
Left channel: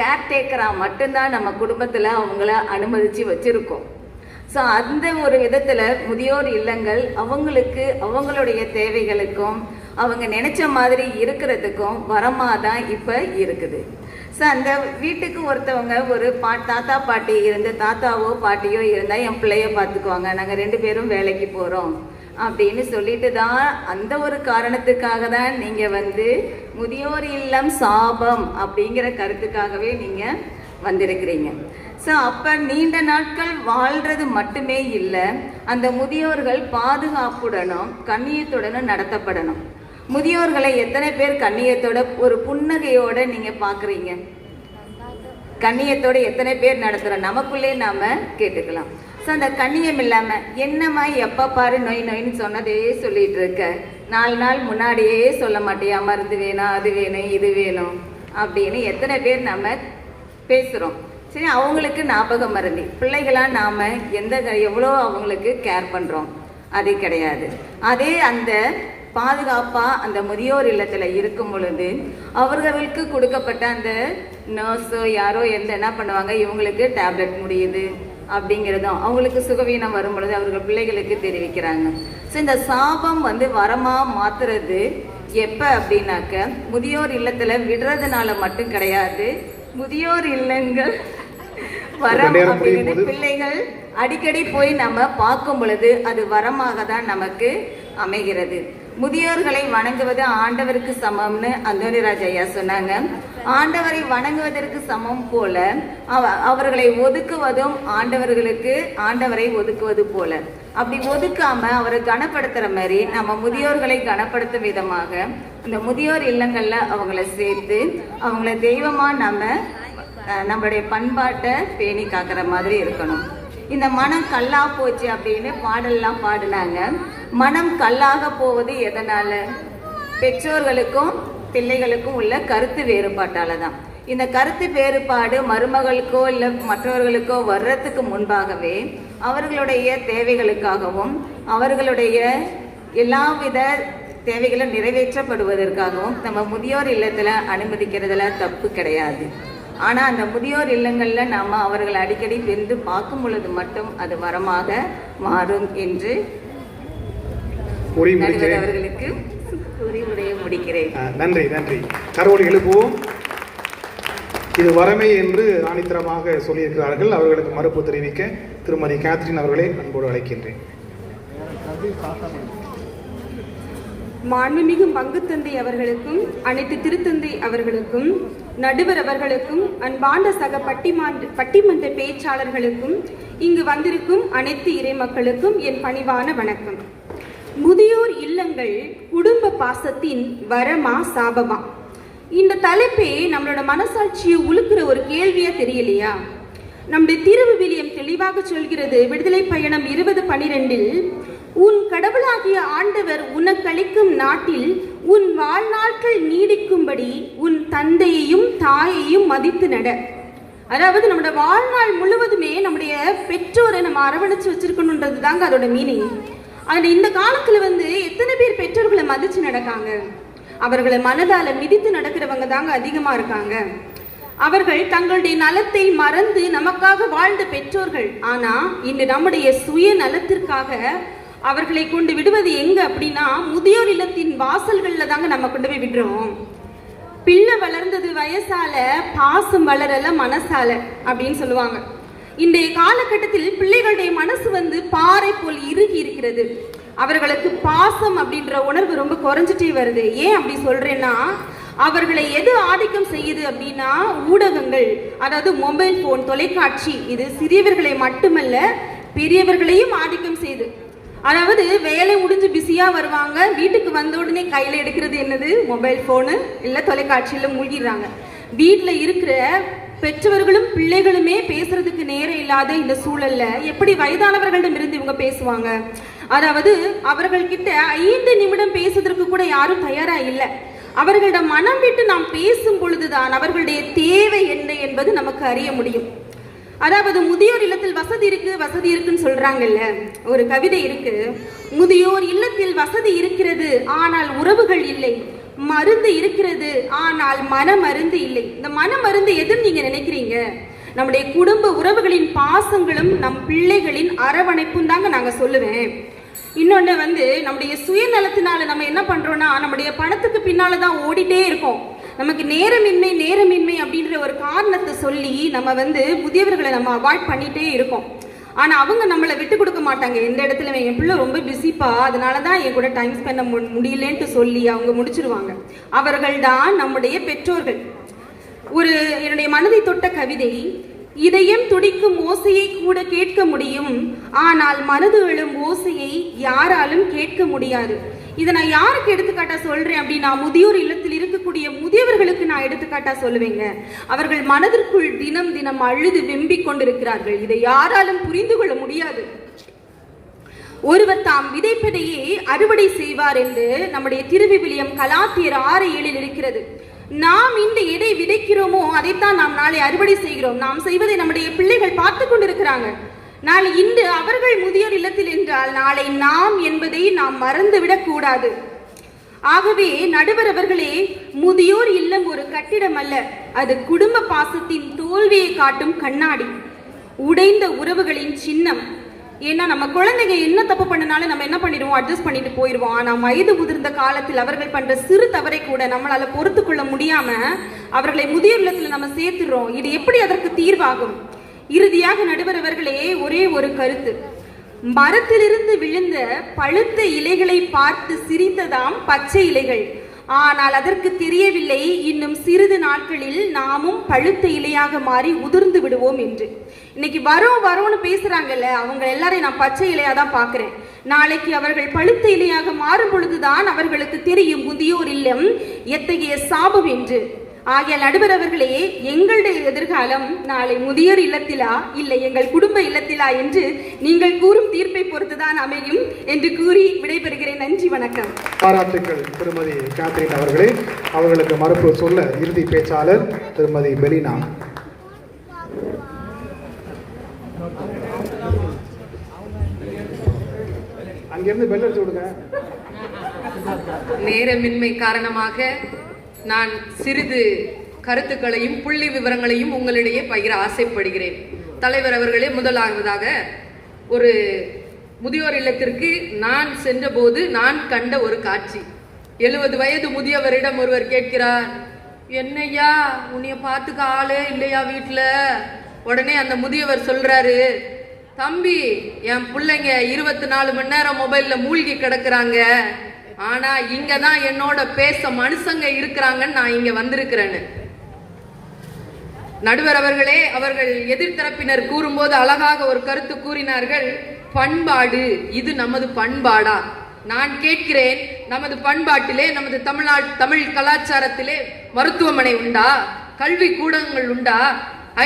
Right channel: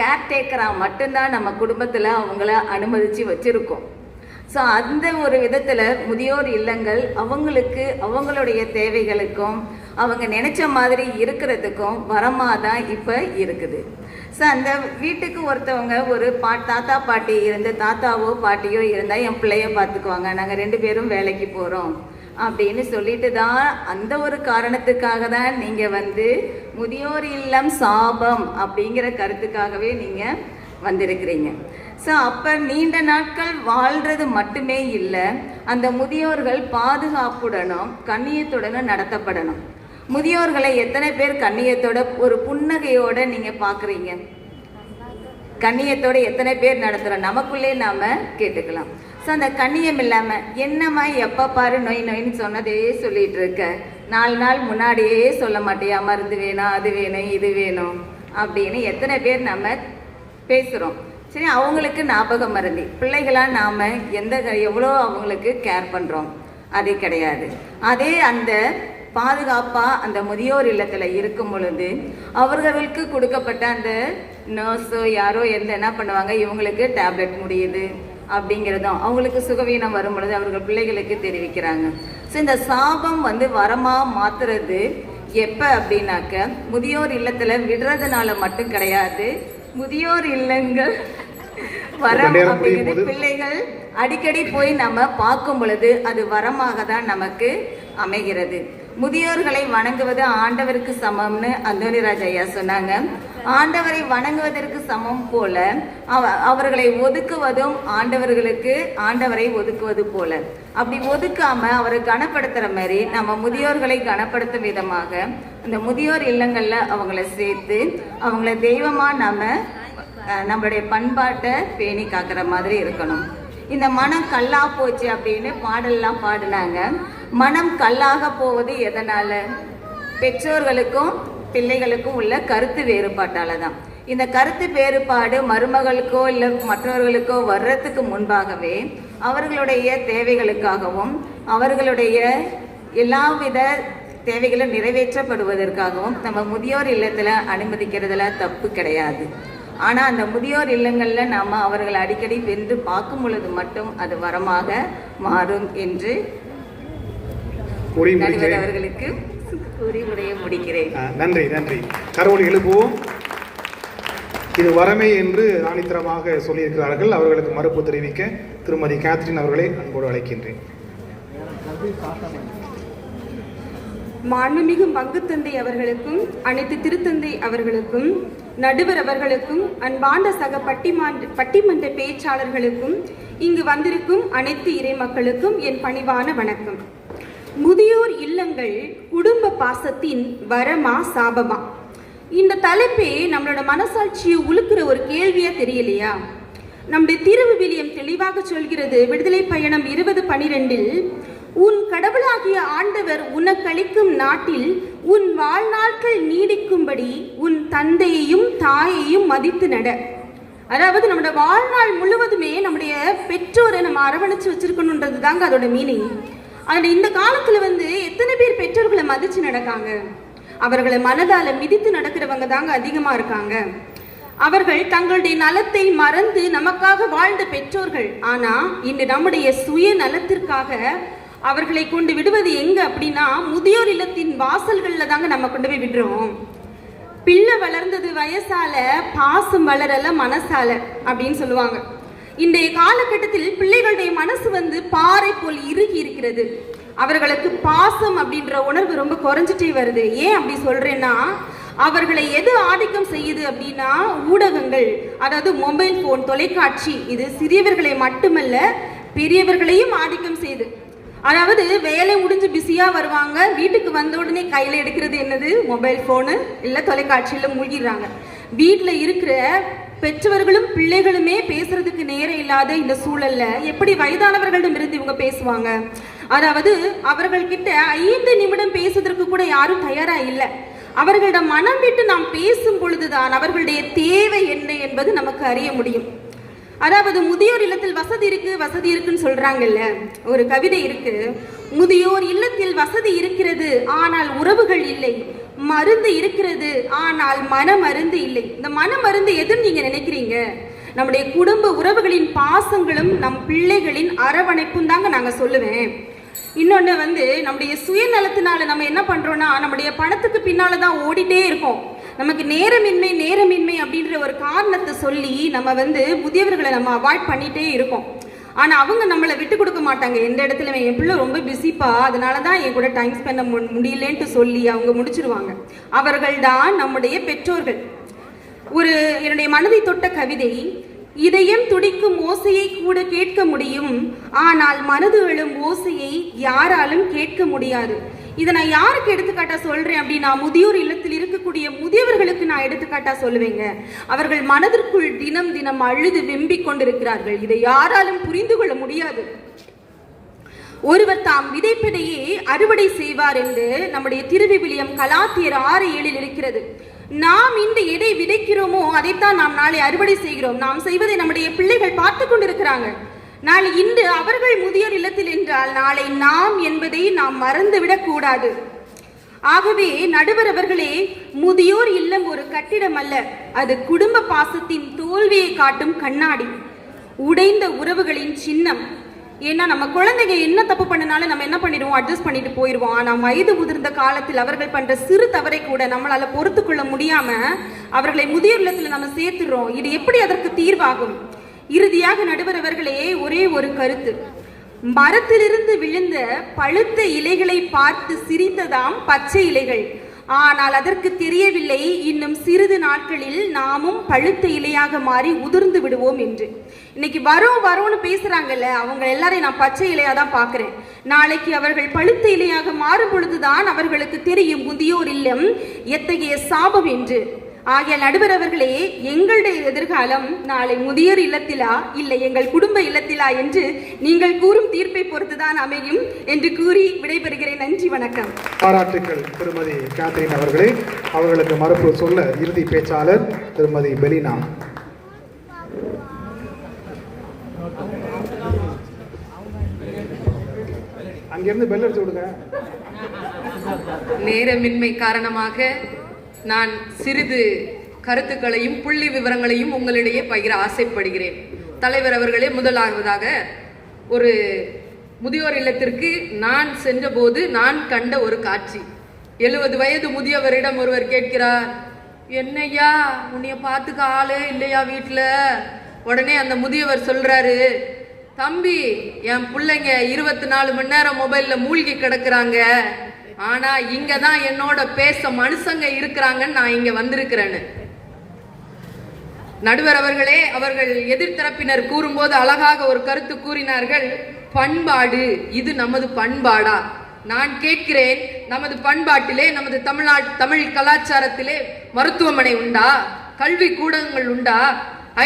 கேர்டேக்கரா மட்டும்தான் நம்ம குடும்பத்துல அவங்கள அனுமதிச்சு வச்சிருக்கோம். ஸோ அந்த ஒரு விதத்துல முதியோர் இல்லங்கள் அவங்களுக்கு அவங்களுடைய தேவைகளுக்கும் அவங்க நினைச்ச மாதிரி இருக்கிறதுக்கும் வரமாக தான் இப்போ இருக்குது. ஸோ அந்த வீட்டுக்கு ஒருத்தவங்க ஒரு தாத்தா பாட்டி இருந்து, தாத்தாவோ பாட்டியோ இருந்தால் என் பிள்ளைய பார்த்துக்குவாங்க, நாங்கள் 2 பேரும் வேலைக்கு போகிறோம் அப்படின்னு சொல்லிட்டு தான், அந்த ஒரு காரணத்துக்காக தான் நீங்கள் முதியோர் இல்லம் சாபம் அப்படிங்கிற கருத்துக்காகவே நீங்கள் வந்திருக்கிறீங்க. ஸோ அப்போ நீண்ட நாட்கள் வாழ்றது மட்டுமே இல்லை, அந்த முதியோர்கள் பாதுகாப்புடனும் கண்ணியத்துடனும் நடத்தப்படணும். முதியோர்களை எத்தனை பேர் கண்ணியத்தோட ஒரு புன்னகையோட நீங்க பாக்குறீங்க? கண்ணியத்தோட எத்தனை பேர் நடத்துறோம்? நமக்குள்ளே நாம கேட்டுக்கலாம். ஸோ அந்த கண்ணியம் இல்லாம என்னம்மா எப்ப பாரு நொய் நொயின்னு சொன்னதே சொல்லிட்டு இருக்க, 4 நாள் முன்னாடியே சொல்ல மாட்டியா மருந்து வேணும், அது வேணும், இது வேணும் அப்படின்னு எத்தனை பேர் நம்ம பேசுறோம். சரி, அவங்களுக்கு ஞாபகம் மறதி. பிள்ளைகளா நாம எவ்வளோ அவங்களுக்கு கேர் பண்றோம்? அது கிடையாது. அதே அந்த பாதுகாப்பா அந்த முதியோர் இல்லத்துல இருக்கும் பொழுது அவர்களுக்கு கொடுக்கப்பட்ட அந்த நர்ஸோ யாரோ என்ன பண்ணுவாங்க, இவங்களுக்கு டேப்லெட் முடியுது அப்படிங்கிறதும் அவங்களுக்கு சுகவீனம் வரும் பொழுது அவர்கள் பிள்ளைகளுக்கு தெரிவிக்கிறாங்க. ஸோ இந்த சாபம் வரமா மாத்துறது எப்ப அப்படின்னாக்க முதியோர் இல்லத்துல விடுறதுனால மட்டும் கிடையாது. முதியோர் இல்லங்கள் வரம் அப்படிங்கிறது பிள்ளைகள் அடிக்கடி போய் நம்ம பார்க்கும் பொழுது அது வரமாக தான் நமக்கு அமைகிறது. முதியோர்களை வணங்குவது ஆண்டவருக்கு சமம்னு அந்தோனிராஜ் ஐயா சொன்னாங்க. ஆண்டவரை வணங்குவதற்கு சமம் போல அவர்களை ஒதுக்குவதும் ஆண்டவரை ஒதுக்குவது போல. அப்படி ஒதுக்காம அவரை கனப்படுத்துற மாதிரி நம்ம முதியோர்களை கனப்படுத்தும் விதமாக இந்த முதியோர் இல்லங்கள்ல அவங்கள சேர்த்து அவங்கள தெய்வமா நம்மளுடைய பண்பாட்டை பேணி காக்கிற மாதிரி இருக்கணும். இந்த மனம் கல்லா போச்சு அப்படின்னு பாடல்லாம் பாடினாங்க. மனம் கல்லாக போவது எதனால? பெற்றோர்களுக்கும் பிள்ளைகளுக்கும் உள்ள கருத்து வேறுபாட்டால தான். இந்த கருத்து வேறுபாடு மருமகளுக்கோ இல்லை மற்றவர்களுக்கோ வர்றதுக்கு முன்பாகவே அவர்களுடைய தேவைகளுக்காகவும் அவர்களுடைய எல்லாவித தேவைகளை நிறைவேற்றப்படுவதற்காகவும் நம்ம முதியோர் இல்லத்தில் அனுமதிக்கிறதுல தப்பு கிடையாது. ஆனால் அந்த முதியோர் இல்லங்களில் நம்ம அவர்களை அடிக்கடி சென்று பார்க்கும் பொழுது மட்டும் அது வரமாக மாறும் என்று நடுவர் அவர்களுக்கு கூறி உரையை முடிக்கிறேன். நன்றி நன்றி. கரவொலி எழுப்புவோம். இது வரமே என்று ஆணித்தரமாக சொல்லியிருக்கிறார்கள். அவர்களுக்கு மறுப்பு தெரிவிக்க திருமதி கேத்ரின் அவர்களை அன்போடு அழைக்கின்றேன். மாண்புமிகு பங்குத்தந்தை அவர்களுக்கும் அனைத்து திருத்தந்தை அவர்களுக்கும் நடுவர் அவர்களுக்கும் அன்பாண்ட சக பட்டிமன்ற பேச்சாளர்களுக்கும் இங்கு வந்திருக்கும் அனைத்து இறை மக்களுக்கும் என் பணிவான வணக்கம். முதியோர் இல்லங்கள் குடும்ப பாசத்தின் வரமா சாபமா? இந்த தலைப்பே நம்மளோட மனசாட்சியை உழுக்கிற ஒரு கேள்வியா தெரியலையா? நம்முடைய திருவிவிலியம் தெளிவாக சொல்கிறது. விடுதலை பயணம் 20:12 உன் கடவுளாகிய ஆண்டவர் உனக்களிக்கும் நாட்டில் உன் வாழ்நாட்கள் நீடிக்கும்படி உன் தந்தையையும் தாயையும் மதித்து நட. அதாவது நம்முடைய வாழ்நாள் முழுவதுமே நம்முடைய பெற்றோரை நம்ம அரவணைச்சு வச்சிருக்கணும்ன்றது தாங்க அதோட மீனிங். அதில் இந்த காலத்துல எத்தனை பேர் பெற்றோர்களை மதிச்சு நடக்காங்க? அவர்களை மனதால மிதித்து நடக்கிறவங்க தாங்க அதிகமா இருக்காங்க. அவர்கள் தங்களுடைய நலத்தை மறந்து நமக்காக வாழ்ந்த பெற்றோர்கள். ஆனா இன்று நம்முடைய சுய நலத்திற்காக அவர்களை கொண்டு விடுவது எங்க அப்படின்னா முதியோர் இல்லத்தின் வாசல்கள்ல தாங்க நம்ம கொண்டு போய் விடுறோம். பிள்ளை வளர்ந்தது வயசால, பாசம் வளரல மனசால அப்படின்னு சொல்லுவாங்க. இன்றைய காலகட்டத்தில் பிள்ளைகளுடைய மனசு பாறை போல் இறுகி இருக்கிறது. அவர்களுக்கு பாசம் அப்படின்ற உணர்வு ரொம்ப குறைஞ்சிட்டே வருது. ஏன் அப்படி சொல்றேன்னா, அவர்களை எது ஆதிக்கம் செய்யுது அப்படின்னா ஊடகங்கள், அதாவது மொபைல் போன், தொலைக்காட்சி. இது சிறியவர்களை மட்டுமல்ல பெரியவர்களையும் ஆதிக்கம் செய்யுது. அதாவது வேலை முடிஞ்சு பிஸியா வருவாங்க, வீட்டுக்கு வந்த உடனே கையில எடுக்கிறது என்னது? மொபைல் போனு இல்ல தொலைக்காட்சியில மூழ்கிடுறாங்க. வீட்டுல இருக்கிற பெற்றவர்களும் பிள்ளைகளுமே பேசுறதுக்கு நேரம் இல்லாத இந்த சூழல்ல எப்படி வயதானவர்களிடம் இருந்து இவங்க பேசுவாங்க? அதாவது அவர்கள் கிட்ட 5 நிமிடம் பேசுவதற்கு கூட யாரும் தயாரா இல்லை. அவர்களிடம் மனம் விட்டு நாம் பேசும் பொழுதுதான் அவர்களுடைய தேவை என்ன என்பது நமக்கு அறிய முடியும். அதாவது முதியோர் இல்லத்தில் வசதி இருக்குன்னு சொல்றாங்கல்ல, ஒரு கவிதை இருக்கு. முதியோர் இல்லத்தில் வசதி இருக்கிறது ஆனால் உறவுகள் இல்லை, மருந்து இருக்கிறது ஆனால் மன மருந்து இல்லை. இந்த மன மருந்து எதுன்னு நீங்க நினைக்கிறீங்க? நம்முடைய குடும்ப உறவுகளின் பாசங்களும் நம் பிள்ளைகளின் அரவணைப்பும் தாங்க நாங்க சொல்லுவேன். இன்னொன்னு நம்முடைய சுயநலத்தினால நம்ம என்ன பண்றோம்னா, நம்முடைய பணத்துக்கு பின்னாலதான் ஓடிட்டே இருக்கோம். நமக்கு நேரமின்மை அப்படின்ற ஒரு காரணத்தை சொல்லி நம்ம முதியவர்களை நம்ம அவாய்ட் பண்ணிட்டே இருக்கோம். ஆனா அவங்க நம்மளை விட்டு கொடுக்க மாட்டாங்க. எந்த இடத்துல என் பிள்ளை ரொம்ப பிஸிப்பா, அதனாலதான் என் கூட டைம் ஸ்பெண்ட் முடியலன்ட்டு சொல்லி அவங்க முடிச்சிருவாங்க. அவர்கள் தான் நம்முடைய பெற்றோர்கள். என்னுடைய மனதை தொட்ட கவிதை, இதயம் துடிக்கும் ஓசையை கூட கேட்க முடியும், ஆனால் மனது எழும் ஓசையை யாராலும் கேட்க முடியாது. இதை நான் யாருக்கு எடுத்துக்காட்டா சொல்றேன் அப்படின்னா, முதியோர் இல்லத்தில் இருக்கக்கூடிய முதியவர்களுக்கு நான் எடுத்துக்காட்டா சொல்லுவேங்க. அவர்கள் மனதிற்குள் தினம் தினம் அழுது வெம்பிக் கொண்டிருக்கிறார்கள். இதை யாராலும் புரிந்து கொள்ள முடியாது. ஒருவர் தாம் விதைப்பதையே அறுவடை செய்வார் என்று நம்முடைய திருவிவிலியம் கலாத்தியர் 6:7 இருக்கிறது. நாம் இந்த எதை விதைக்கிறோமோ அதைத்தான் நாம் நாளை அறுவடை செய்கிறோம். நாம் செய்வதை நம்முடைய பிள்ளைகள் பார்த்து கொண்டிருக்கிறாங்க. நாளை இன்று அவர்கள் முதியோர் இல்லத்தில் என்றால் நாளை நாம் என்பதை நாம் மறந்துவிடக் கூடாது. ஆகவே நடுவர் அவர்களே, முதியோர் இல்லம் ஒரு கட்டிடம் அல்ல, அது குடும்ப பாசத்தின் தோல்வியை காட்டும் கண்ணாடி, உடைந்த உறவுகளின் சின்னம். ஏன்னா நம்ம குழந்தைங்க என்ன தப்பு பண்ணனாலும் நம்ம என்ன பண்ணிடுவோம்? அட்ஜஸ்ட் பண்ணிட்டு போயிடுவோம். ஆனா வயது முதிர்ந்த காலத்தில் அவர்கள் பண்ற சிறு தவறை கூட நம்மளால பொறுத்து கொள்ள முடியாம அவர்களை முதியோர் இல்லத்துல நம்ம சேர்த்துடுறோம். இது எப்படி அதற்கு தீர்வாகும்? இறுதியாக நடுவர் அவர்களே, ஒரே ஒரு கருத்து. மரத்திலிருந்து விழுந்த பழுத்த இலைகளை பார்த்து சிரித்ததாம் பச்சை இலைகள். ஆனால் அதற்கு தெரியவில்லை, இன்னும் சிறிது நாட்களில் நாமும் பழுத்த இலையாக மாறி உதிர்ந்து விடுவோம் என்று. இன்னைக்கு வரோன்னு பேசுறாங்கல்ல, அவங்க எல்லாரையும் நான் பச்சை இலையா தான் பாக்குறேன். நாளைக்கு அவர்கள் பழுத்த இலையாக மாறும் பொழுதுதான் அவர்களுக்கு தெரியும் முதியோர் இல்லம் எத்தகைய சாபம் என்று. ஆகிய நடுவர் அவர்களே, எங்களுடைய எதிர்காலம் நாளை முதியோர் இல்லத்திலா இல்லை எங்கள் குடும்ப இல்லத்திலா என்று நீங்கள் கூறும் தீர்ப்பை பொறுத்துதான் அமையும் என்று கூறி விடைபெறுகிறேன். நன்றி, வணக்கம். பாராட்டுக்கள் திருமதி கேத்ரின் அவர்களே. அவர்களுக்கு மறுப்பு சொல்ல இறுதி பேச்சாளர் திருமதி பெலினா. அங்கேருந்து பெல் அடிச்சு விடுங்க. நேரமின்மை காரணமாக நான் சிறிது கருத்துக்களையும் புள்ளி விவரங்களையும் உங்களிடையே பகிர ஆசைப்படுகிறேன். தலைவர் அவர்களே, முதலாவதாக ஒரு முதியோர் இல்லத்திற்கு நான் சென்றபோது நான் கண்ட ஒரு காட்சி. 70 வயது முதியவரிடம் ஒருவர் கேட்கிறார், என்னையா உன்னைய பார்த்துக்க ஆளே இல்லையா வீட்டுல? உடனே அந்த முதியவர் சொல்றாரு, தம்பி, என் பிள்ளைங்க 24 மணி நேரம் மொபைல்ல மூழ்கி கிடக்குறாங்க, ஆனா இங்கதான் என்னோட பேச மனுஷங்க இருக்கிறாங்கன்னு நான் இங்க வந்திருக்கிறேன்னு. நடுவர் அவர்களே, அவர்கள் எதிர்த்தரப்பினர் கூறும்போது அழகாக ஒரு கருத்து கூறினார்கள், பண்பாடு, இது நமது பண்பாடா? நான் கேட்கிறேன், நமது பண்பாட்டிலே, நமது தமிழ் கலாச்சாரத்திலே மருத்துவமனை உண்டா? கல்வி கூடங்கள் உண்டா?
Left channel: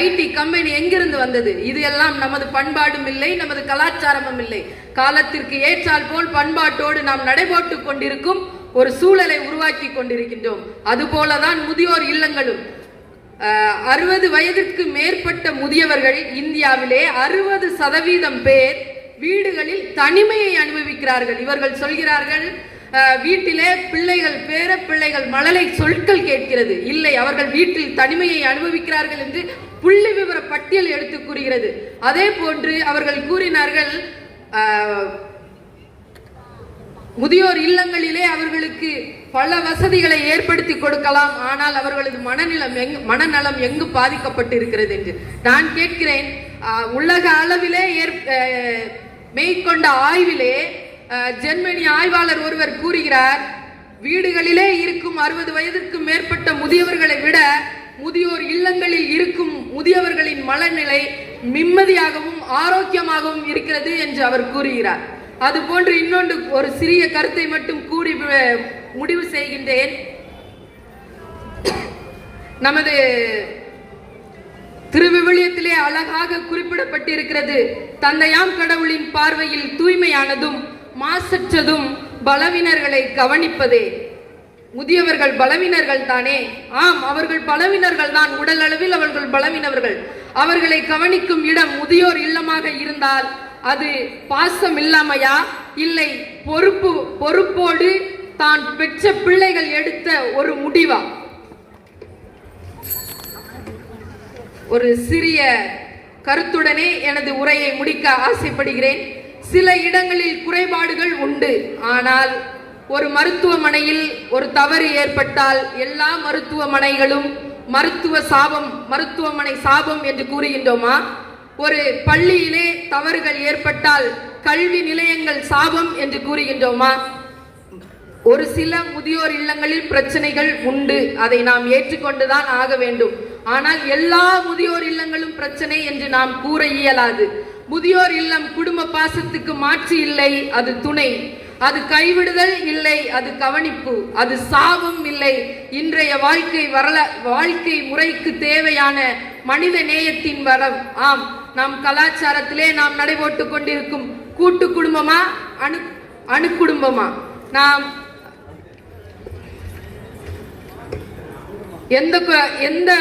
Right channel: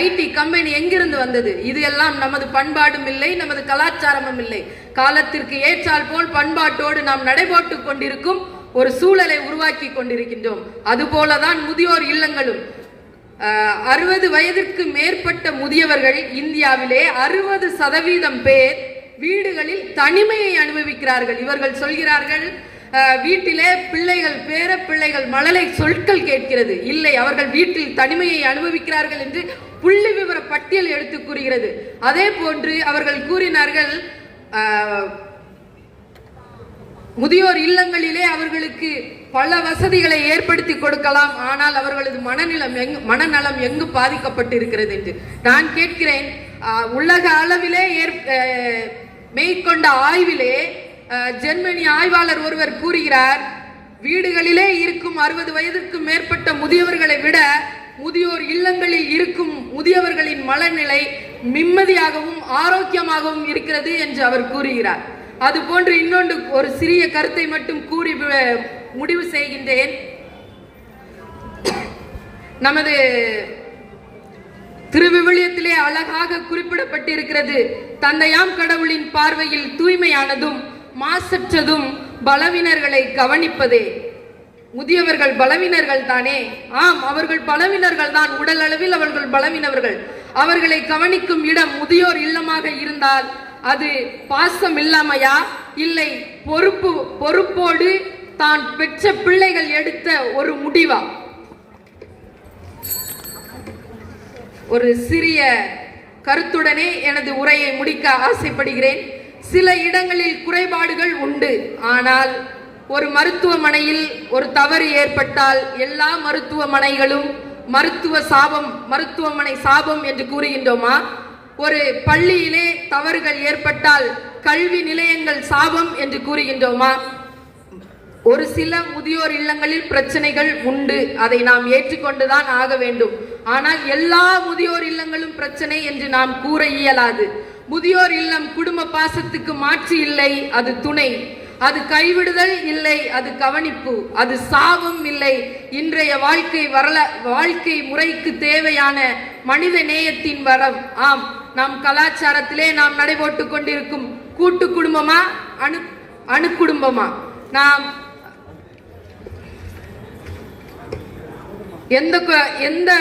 ஐடி கம்பெனி எங்கிருந்து வந்தது? இது எல்லாம் நமது பண்பாடும் இல்லை, நமது கலாச்சாரமும் இல்லை. காலத்திற்கு ஏற்றால் போல் பண்பாட்டோடு நாம் நடைபோட்டு கொண்டிருக்கும் ஒரு சூழலை உருவாக்கி கொண்டிருக்கின்றோம். அதுபோலதான் முதியோர் இல்லங்களும். 60 வயதிற்கு மேற்பட்ட முதியவர்கள் இந்தியாவிலே 60% பேர் வீடுகளில் தனிமையை அனுபவிக்கிறார்கள். இவர்கள் சொல்கிறார்கள், வீட்டிலே பிள்ளைகள், பேர பிள்ளைகள் மழலை சொற்கள் கேட்கிறது. இல்லை, அவர்கள் வீட்டில் தனிமையை அனுபவிக்கிறார்கள் என்று புள்ளி விவர பட்டியல் எடுத்து கூறுகிறது. அதே போன்று அவர்கள் கூறினார்கள், முதியோர் இல்லங்களிலே அவர்களுக்கு பல வசதிகளை ஏற்படுத்தி கொடுக்கலாம், ஆனால் அவர்களது மனநலம் எங்கு பாதிக்கப்பட்டிருக்கிறது என்று நான் கேட்கிறேன். உலக அளவிலே மேற்கொண்ட ஆய்விலே ஜெர்மனி ஆய்வாளர் ஒருவர் கூறுகிறார், வீடுகளிலே இருக்கும் 60 வயதுக்கு மேற்பட்ட முதியவர்களை விட முதியோர் இல்லங்களில் இருக்கும் முதியவர்களின் மனநிலை நிம்மதியாகவும் ஆரோக்கியமாகவும் இருக்கிறது என்று அவர் கூறுகிறார். அதுபோன்று இன்னொன்று ஒரு சிறிய கருத்தை மட்டும் கூறி முடிவு செய்கின்றேன். நமது திருவிவிலியத்திலே அழகாக குறிப்பிடப்பட்டிருக்கிறது, தந்தையாம் கடவுளின் பார்வையில் தூய்மையானதும் மாசற்றதும் பலவினர்களை கவனிப்பதே. முதியவர்கள் பலவினர்கள் தானே? ஆம், அவர்கள் பலவினர்கள் தான். உடல் அளவில் அவர்கள் பலவினவர்கள். அவர்களை கவனிக்கும் இடம் முதியோர் இல்லமாக இருந்தால் அது பாசம் இல்லாமையா, இல்லை பொறுப்போடு தான் பெற்ற பிள்ளைகள் எடுத்த ஒரு முடிவா? ஒரு சிறிய கருத்துடனே எனது உரையை முடிக்க ஆசைப்படுகிறேன். சில இடங்களில் குறைபாடுகள் உண்டு, ஆனால் ஒரு மருத்துவமனையில் ஒரு தவறு ஏற்பட்டால் எல்லா மருத்துவமனைகளும் மருத்துவமனை சாபம் என்று கூறுகின்றோமா? ஒரு பள்ளியிலே தவறுகள் ஏற்பட்டால் கல்வி நிலையங்கள் சாபம் என்று கூறுகின்றோமா? ஒரு சில முதியோர் இல்லங்களில் பிரச்சனைகள் உண்டு, அதை நாம் ஏற்றுக்கொண்டுதான் ஆக வேண்டும். ஆனால் எல்லா முதியோர் இல்லங்களும் பிரச்சனை என்று நாம் கூற இயலாது. முதியோர் இல்லம் குடும்ப பாசத்துக்கு மாற்று இல்லை, அது துணை. அது கைவிடுதல் இல்லை, அது கவனிப்பு. அது சாவும் இல்லை, இன்றைய வாழ்க்கை முறைக்கு தேவையான மனித நேயத்தின் வரம். ஆம், நம் கலாச்சாரத்திலே நாம் நடைபோட்டு கொண்டிருக்கும் கூட்டு குடும்பமா அணு குடும்பமா? நாம் எந்த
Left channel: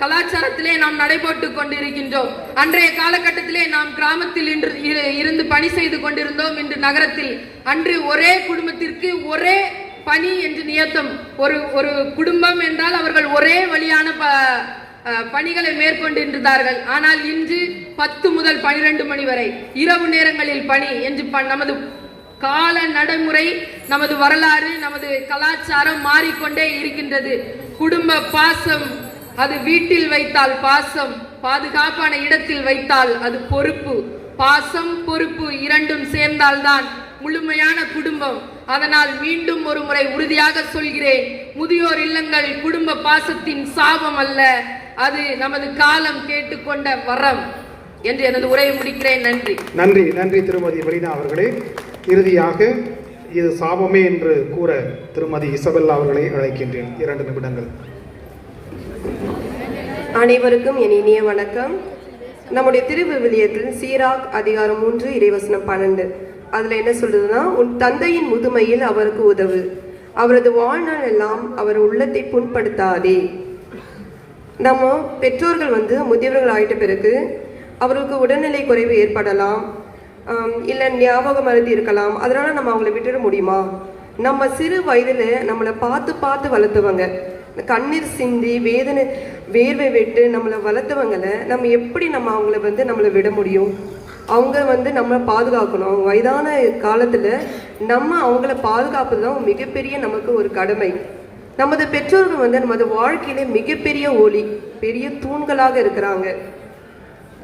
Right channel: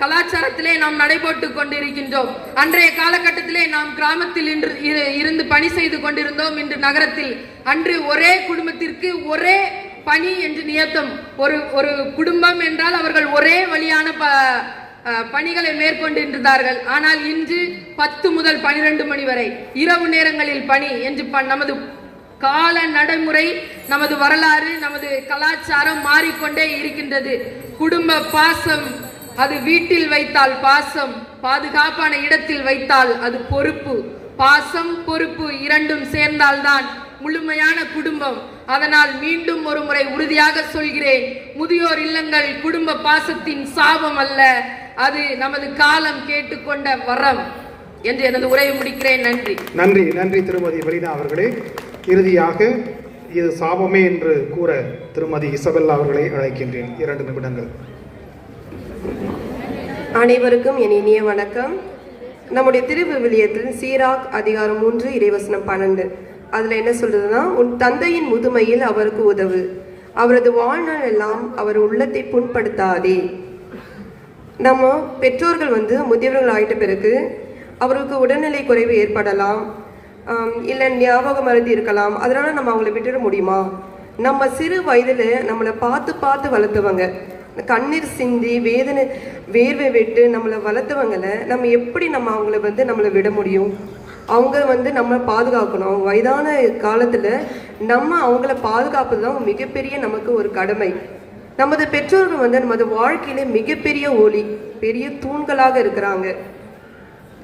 கலாச்சாரத்திலே நாம் நடைபோட்டு கொண்டிருக்கின்றோம்? அன்றைய காலகட்டத்திலே நாம் கிராமத்தில் இருந்து பணி செய்து கொண்டிருந்தோம், இன்று நகரத்தில். அன்று ஒரே குடும்பத்திற்கு ஒரே பணி என்று நியத்தம். ஒரு குடும்பம் என்றால் அவர்கள் ஒரே வழியான பணிகளை மேற்கொண்டிருந்தார்கள். ஆனால் இன்று 10 முதல் 12 மணி வரை இரவு நேரங்களில் பணி என்று நமது கால நடைமுறை, நமது வரலாறு, நமது கலாச்சாரம் மாறிக்கொண்டே இருக்கின்றது. குடும்ப பாசம், அது வீட்டில் வைத்தால் பாசம், பாதுகாப்பான இடத்தில் வைத்தால் அது பொறுப்பு. பாசம் பொறுப்பு இரண்டும் சேர்ந்தால்தான் முழுமையான குடும்பம். அதனால் மீண்டும் ஒரு முறை உறுதியாக சொல்கிறேன், முதியோர் இல்லங்கள் குடும்ப பாசத்தின் சாபம் அல்ல, அது நமது காலம் கேட்டுக்கொண்ட வரம் என்று எனது உரையை முடிக்கிறேன். நன்றி. நன்றி. நன்றி திருமதி வலிதா அவர்களே. இறுதியாக இது சாபமே என்று கூற திருமதி இசபெல்லா அவர்களை அழைக்கின்றேன். 2 நிமிடங்கள். அனைவருக்கும் என் இனிய வணக்கம். நம்முடைய திருவிவிலியத்தில் சீராக் அதிகாரம் 3 இறைவசனம் 12 அதுல என்ன சொல்றதுன்னா, உன் தந்தையின் முதுமையில் அவருக்கு உதவு, அவரது வாழ்நாள் எல்லாம் அவர் உள்ளத்தை புண்படுத்தாதே. நம்ம பெற்றோர்கள் முதியவர்கள் ஆயிட்ட பிறகு அவர்களுக்கு உடல்நிலை குறைவு ஏற்படலாம், இல்லை ஞாபக மறதி இருக்கலாம். அதனால நம்ம அவங்கள விட்டுட முடியுமா? நம்ம சிறு வயதில் நம்மளை பார்த்து பார்த்து வளர்த்தவங்க, கண்ணீர் சிந்தி வேர்வை விட்டு நம்மளை வளர்த்தவங்களை நம்ம எப்படி அவங்கள நம்மளை விட முடியும்? அவங்க நம்ம பாதுகாக்கணும். அவங்க வயதான காலத்தில் நம்ம அவங்கள பாதுகாப்பது தான் மிகப்பெரிய நமக்கு ஒரு கடமை. நமது பெற்றோர்கள் நமது வாழ்க்கையில மிகப்பெரிய ஒளி, பெரிய தூண்களாக இருக்கிறாங்க.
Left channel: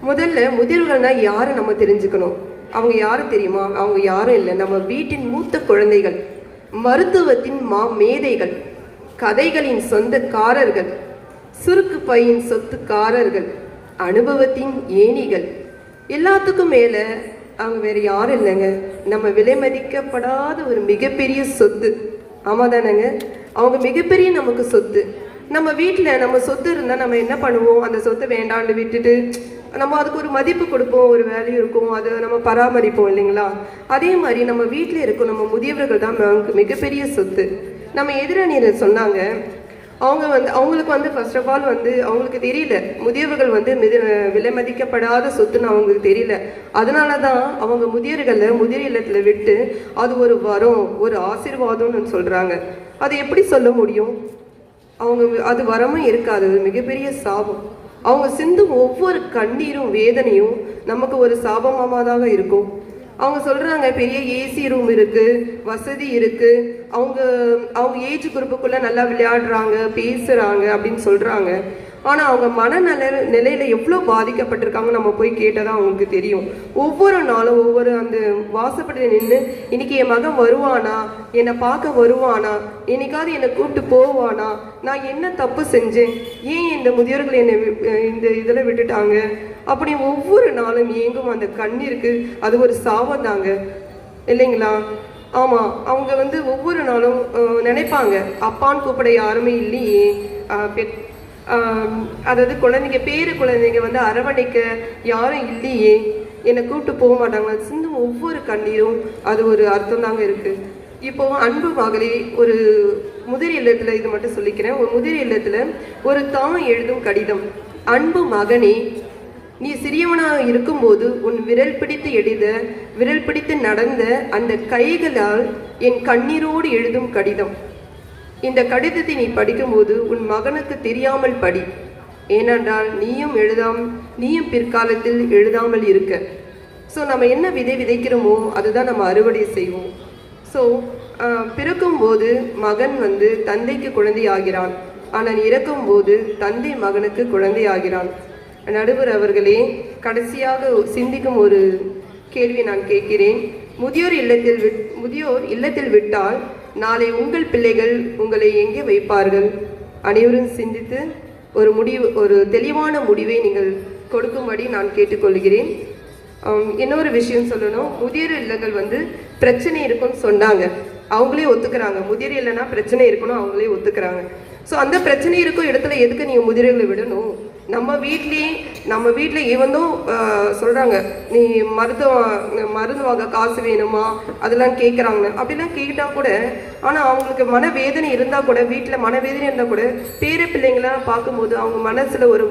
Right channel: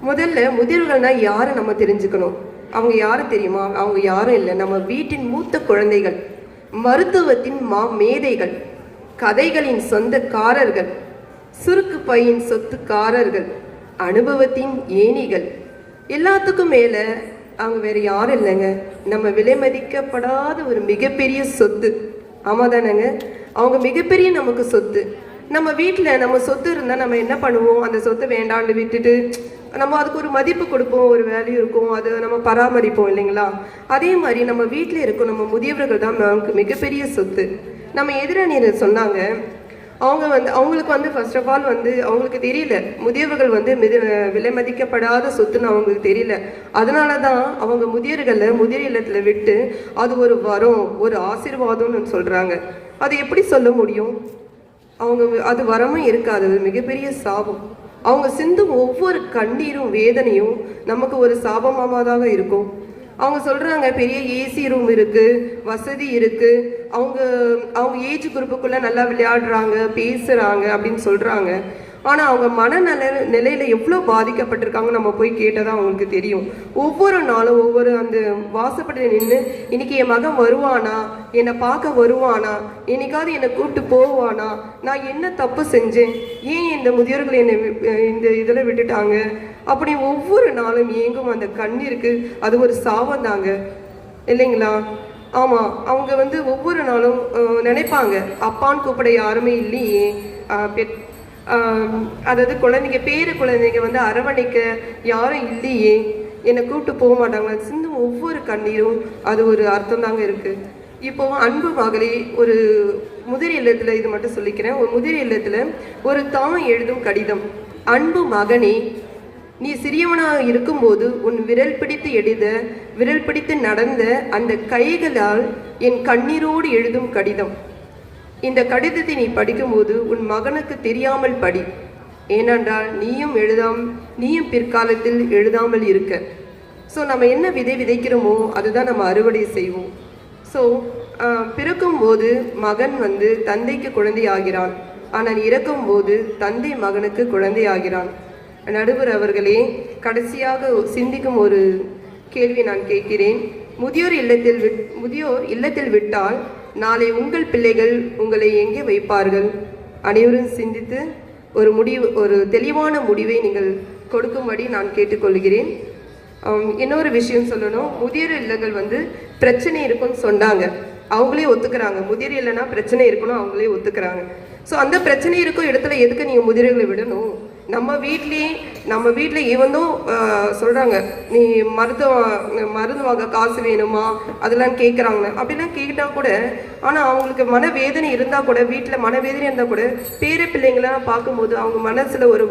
முதல்ல முதியோர்கள்னா யாரு நம்ம தெரிஞ்சுக்கணும். அவங்க யாரு தெரியுமா? அவங்க யாரும் இல்லை, நம்ம வீட்டின் மூத்த குழந்தைகள், மருத்துவத்தின் மேதைகள், கதைகளின் சொந்தக்காரர்கள், சுருக்கு பையின் சொத்துக்காரர்கள், அனுபவத்தின் ஏணிகள். எல்லாத்துக்கும் மேல அவங்க வேற யாரும் இல்லைங்க, நம்ம விலை மதிக்கப்படாத ஒரு மிகப்பெரிய சொத்து. ஆமா தானேங்க? அவங்க மிகப்பெரிய நமக்கு சொத்து. நம்ம வீட்டில் நம்ம சொத்து இருந்தால் நம்ம என்ன பண்ணுவோம்? அந்த சொத்தை வேண்டாண்டு விட்டுட்டு நம்ம அதுக்கு ஒரு மதிப்பு கொடுப்போம், ஒரு வேல்யூ இருக்கும், அதை நம்ம பராமரிப்போம் இல்லைங்களா? அதே மாதிரி நம்ம வீட்டில் இருக்கும் நம்ம முதியவர்கள் தான் நமக்கு மிகப்பெரிய சொத்து. நம்ம எதிரணியர் சொன்னாங்க, அவங்களுக்கு ஃபர்ஸ்ட் ஆஃப் ஆல் அவங்களுக்கு தெரியல முதியவர்கள் விலை மதிக்கப்படாத சொத்துன்னு அவங்களுக்கு தெரியல. அதனால தான் அவங்க முதியோர் இல்லத்தில் விட்டு அது ஒரு வரம், ஒரு ஆசீர்வாதம்னு சொல்றாங்க. அது எப்படி சொல்ல முடியும்? அது வரமும் இருக்காது, மிகப்பெரிய சாபம். அவங்க சிந்தும் ஒவ்வொரு கண்ணீரும் வேதனையும் நமக்கு ஒரு சாபமாதான் இருக்கும். அவங்க சொல்றாங்க பெரிய ஏசி ரூம் இருக்கு, வசதி இருக்கு, அவங்க ஏஜ் குரூப்புக்குள்ள நல்லா விளையாடுறாங்க, பேசுறாங்க அப்படின்னு சொல்றாங்க. ஆனா அவங்க நிலையில எவ்வளவு பாதிக்கப்பட்டிருக்காங்க நம்ம போய் கேட்டதான் அவங்களுக்கு தெரியும். ஒவ்வொரு நாளும் ஒவ்வொரு அந்த வாசப்படியில் நின்று இன்னைக்கு என் மகன் வருவானா, என்னை பார்க்க வருவானா, என்னைக்காவது என்னை கூப்பிட்டு போவானா, நான் என்ன தப்பு செஞ்சேன், ஏன் இந்த முதியோர்கள் என்னை இந்த இதில் விட்டுட்டாங்க அப்படி ஒவ்வொரு நாளும் ஏங்கும் அந்த கண்ணீருக்கு அது ஒரு சாபம் தாங்க, இல்லைங்களா? ஆமா, அவங்க ஒவ்வொரு நாளும் நினைப்பாங்க, அப்பான்னு கூப்பிட யாருமே இல்லையே, அதாவது குழந்தைங்க பேரு குழந்தைங்க அரவணைக்க யாரும் இல்லையே, என்னை கூப்பிட்டு போக மாட்டாங்க. சிந்து ஒவ்வொரு கண்ணீரும் அது ஒரு அர்த்தம் தாங்க இருக்கு. இப்போ அன்பு மகளே, ஒரு முதிர் இல்லத்துல, இது மட்டும் சொல்லிக்கிறேன், ஒரு முதிர் இல்லத்துல ஒரு தாய் எழுதும் கடிதம். அன்பு மகனே, நீ சிறியவனாக இருக்கும்போது உன் விரல் பிடித்து நடந்த அந்த கைகளால் என் கண்ணீரோடு எழுதும் கடிதம். இந்த கடிதத்தை நீ படிக்கும்போது உன் மகனுக்கு தெரியாமல் படி, ஏனென்றால் நீயும் பிற்காலத்தில் எழுதாமல் இருக்க. ஸோ நம்ம என்ன விதைக்கிறோமோ அதுதான் நம்ம அறுவடை செய்வோம். ஸோ பிறக்கும் போது மகன் தந்தைக்கு குழந்தை ஆகிறான், ஆனால் இறக்கும் போது தந்தை மகனுக்கு குழந்தை ஆகிறான். நடுவர் அவர்களே, கடைசியாக சிந்திக்கும் ஒரு கேள்வி நான் கேட்கிறேன். முதியோர் இல்லத்தில் விட்டால் நாளை உங்கள் பிள்ளைகள் உங்களை எங்கே வைப்பார்கள்? அனைவரும் சிந்தித்து ஒரு தெளிவான முடிவை நீங்கள் கொடுக்கும்படி நான் கேட்டுக்கொள்கிறேன். இன்னொரு விஷயம் சொல்லணும், முதியோர் இல்லங்கள் பிரச்சனை இருக்குன்னு சொன்னாங்க, அவங்களே ஒத்துக்கிறாங்க. முதியோர் இல்லைன்னா பிரச்சனை இருக்கணும், அவங்களே ஒத்துக்கிறாங்க. ஸோ அந்த பிரச்சனை இருக்கும் இடத்துல எதுக்கு நீங்கள் முதியோர்களை விடணும்? நம்ம வீட்டிலே இவனும் சொல்கிறாங்க, நீ மருந்து வாங்க காசு வேணுமா அதெல்லாம் கேட்குறாங்க. அப்படிலாம் கேட்டால் கூட, ஆனால் அவங்களுக்கு மனவேதனை இருந்தால் கூட, வீட்டில் மனவேதனை இருந்தால் கூட பேர பிள்ளைங்களாம் பார்க்கும்போது அவங்க மனசில் ஒரு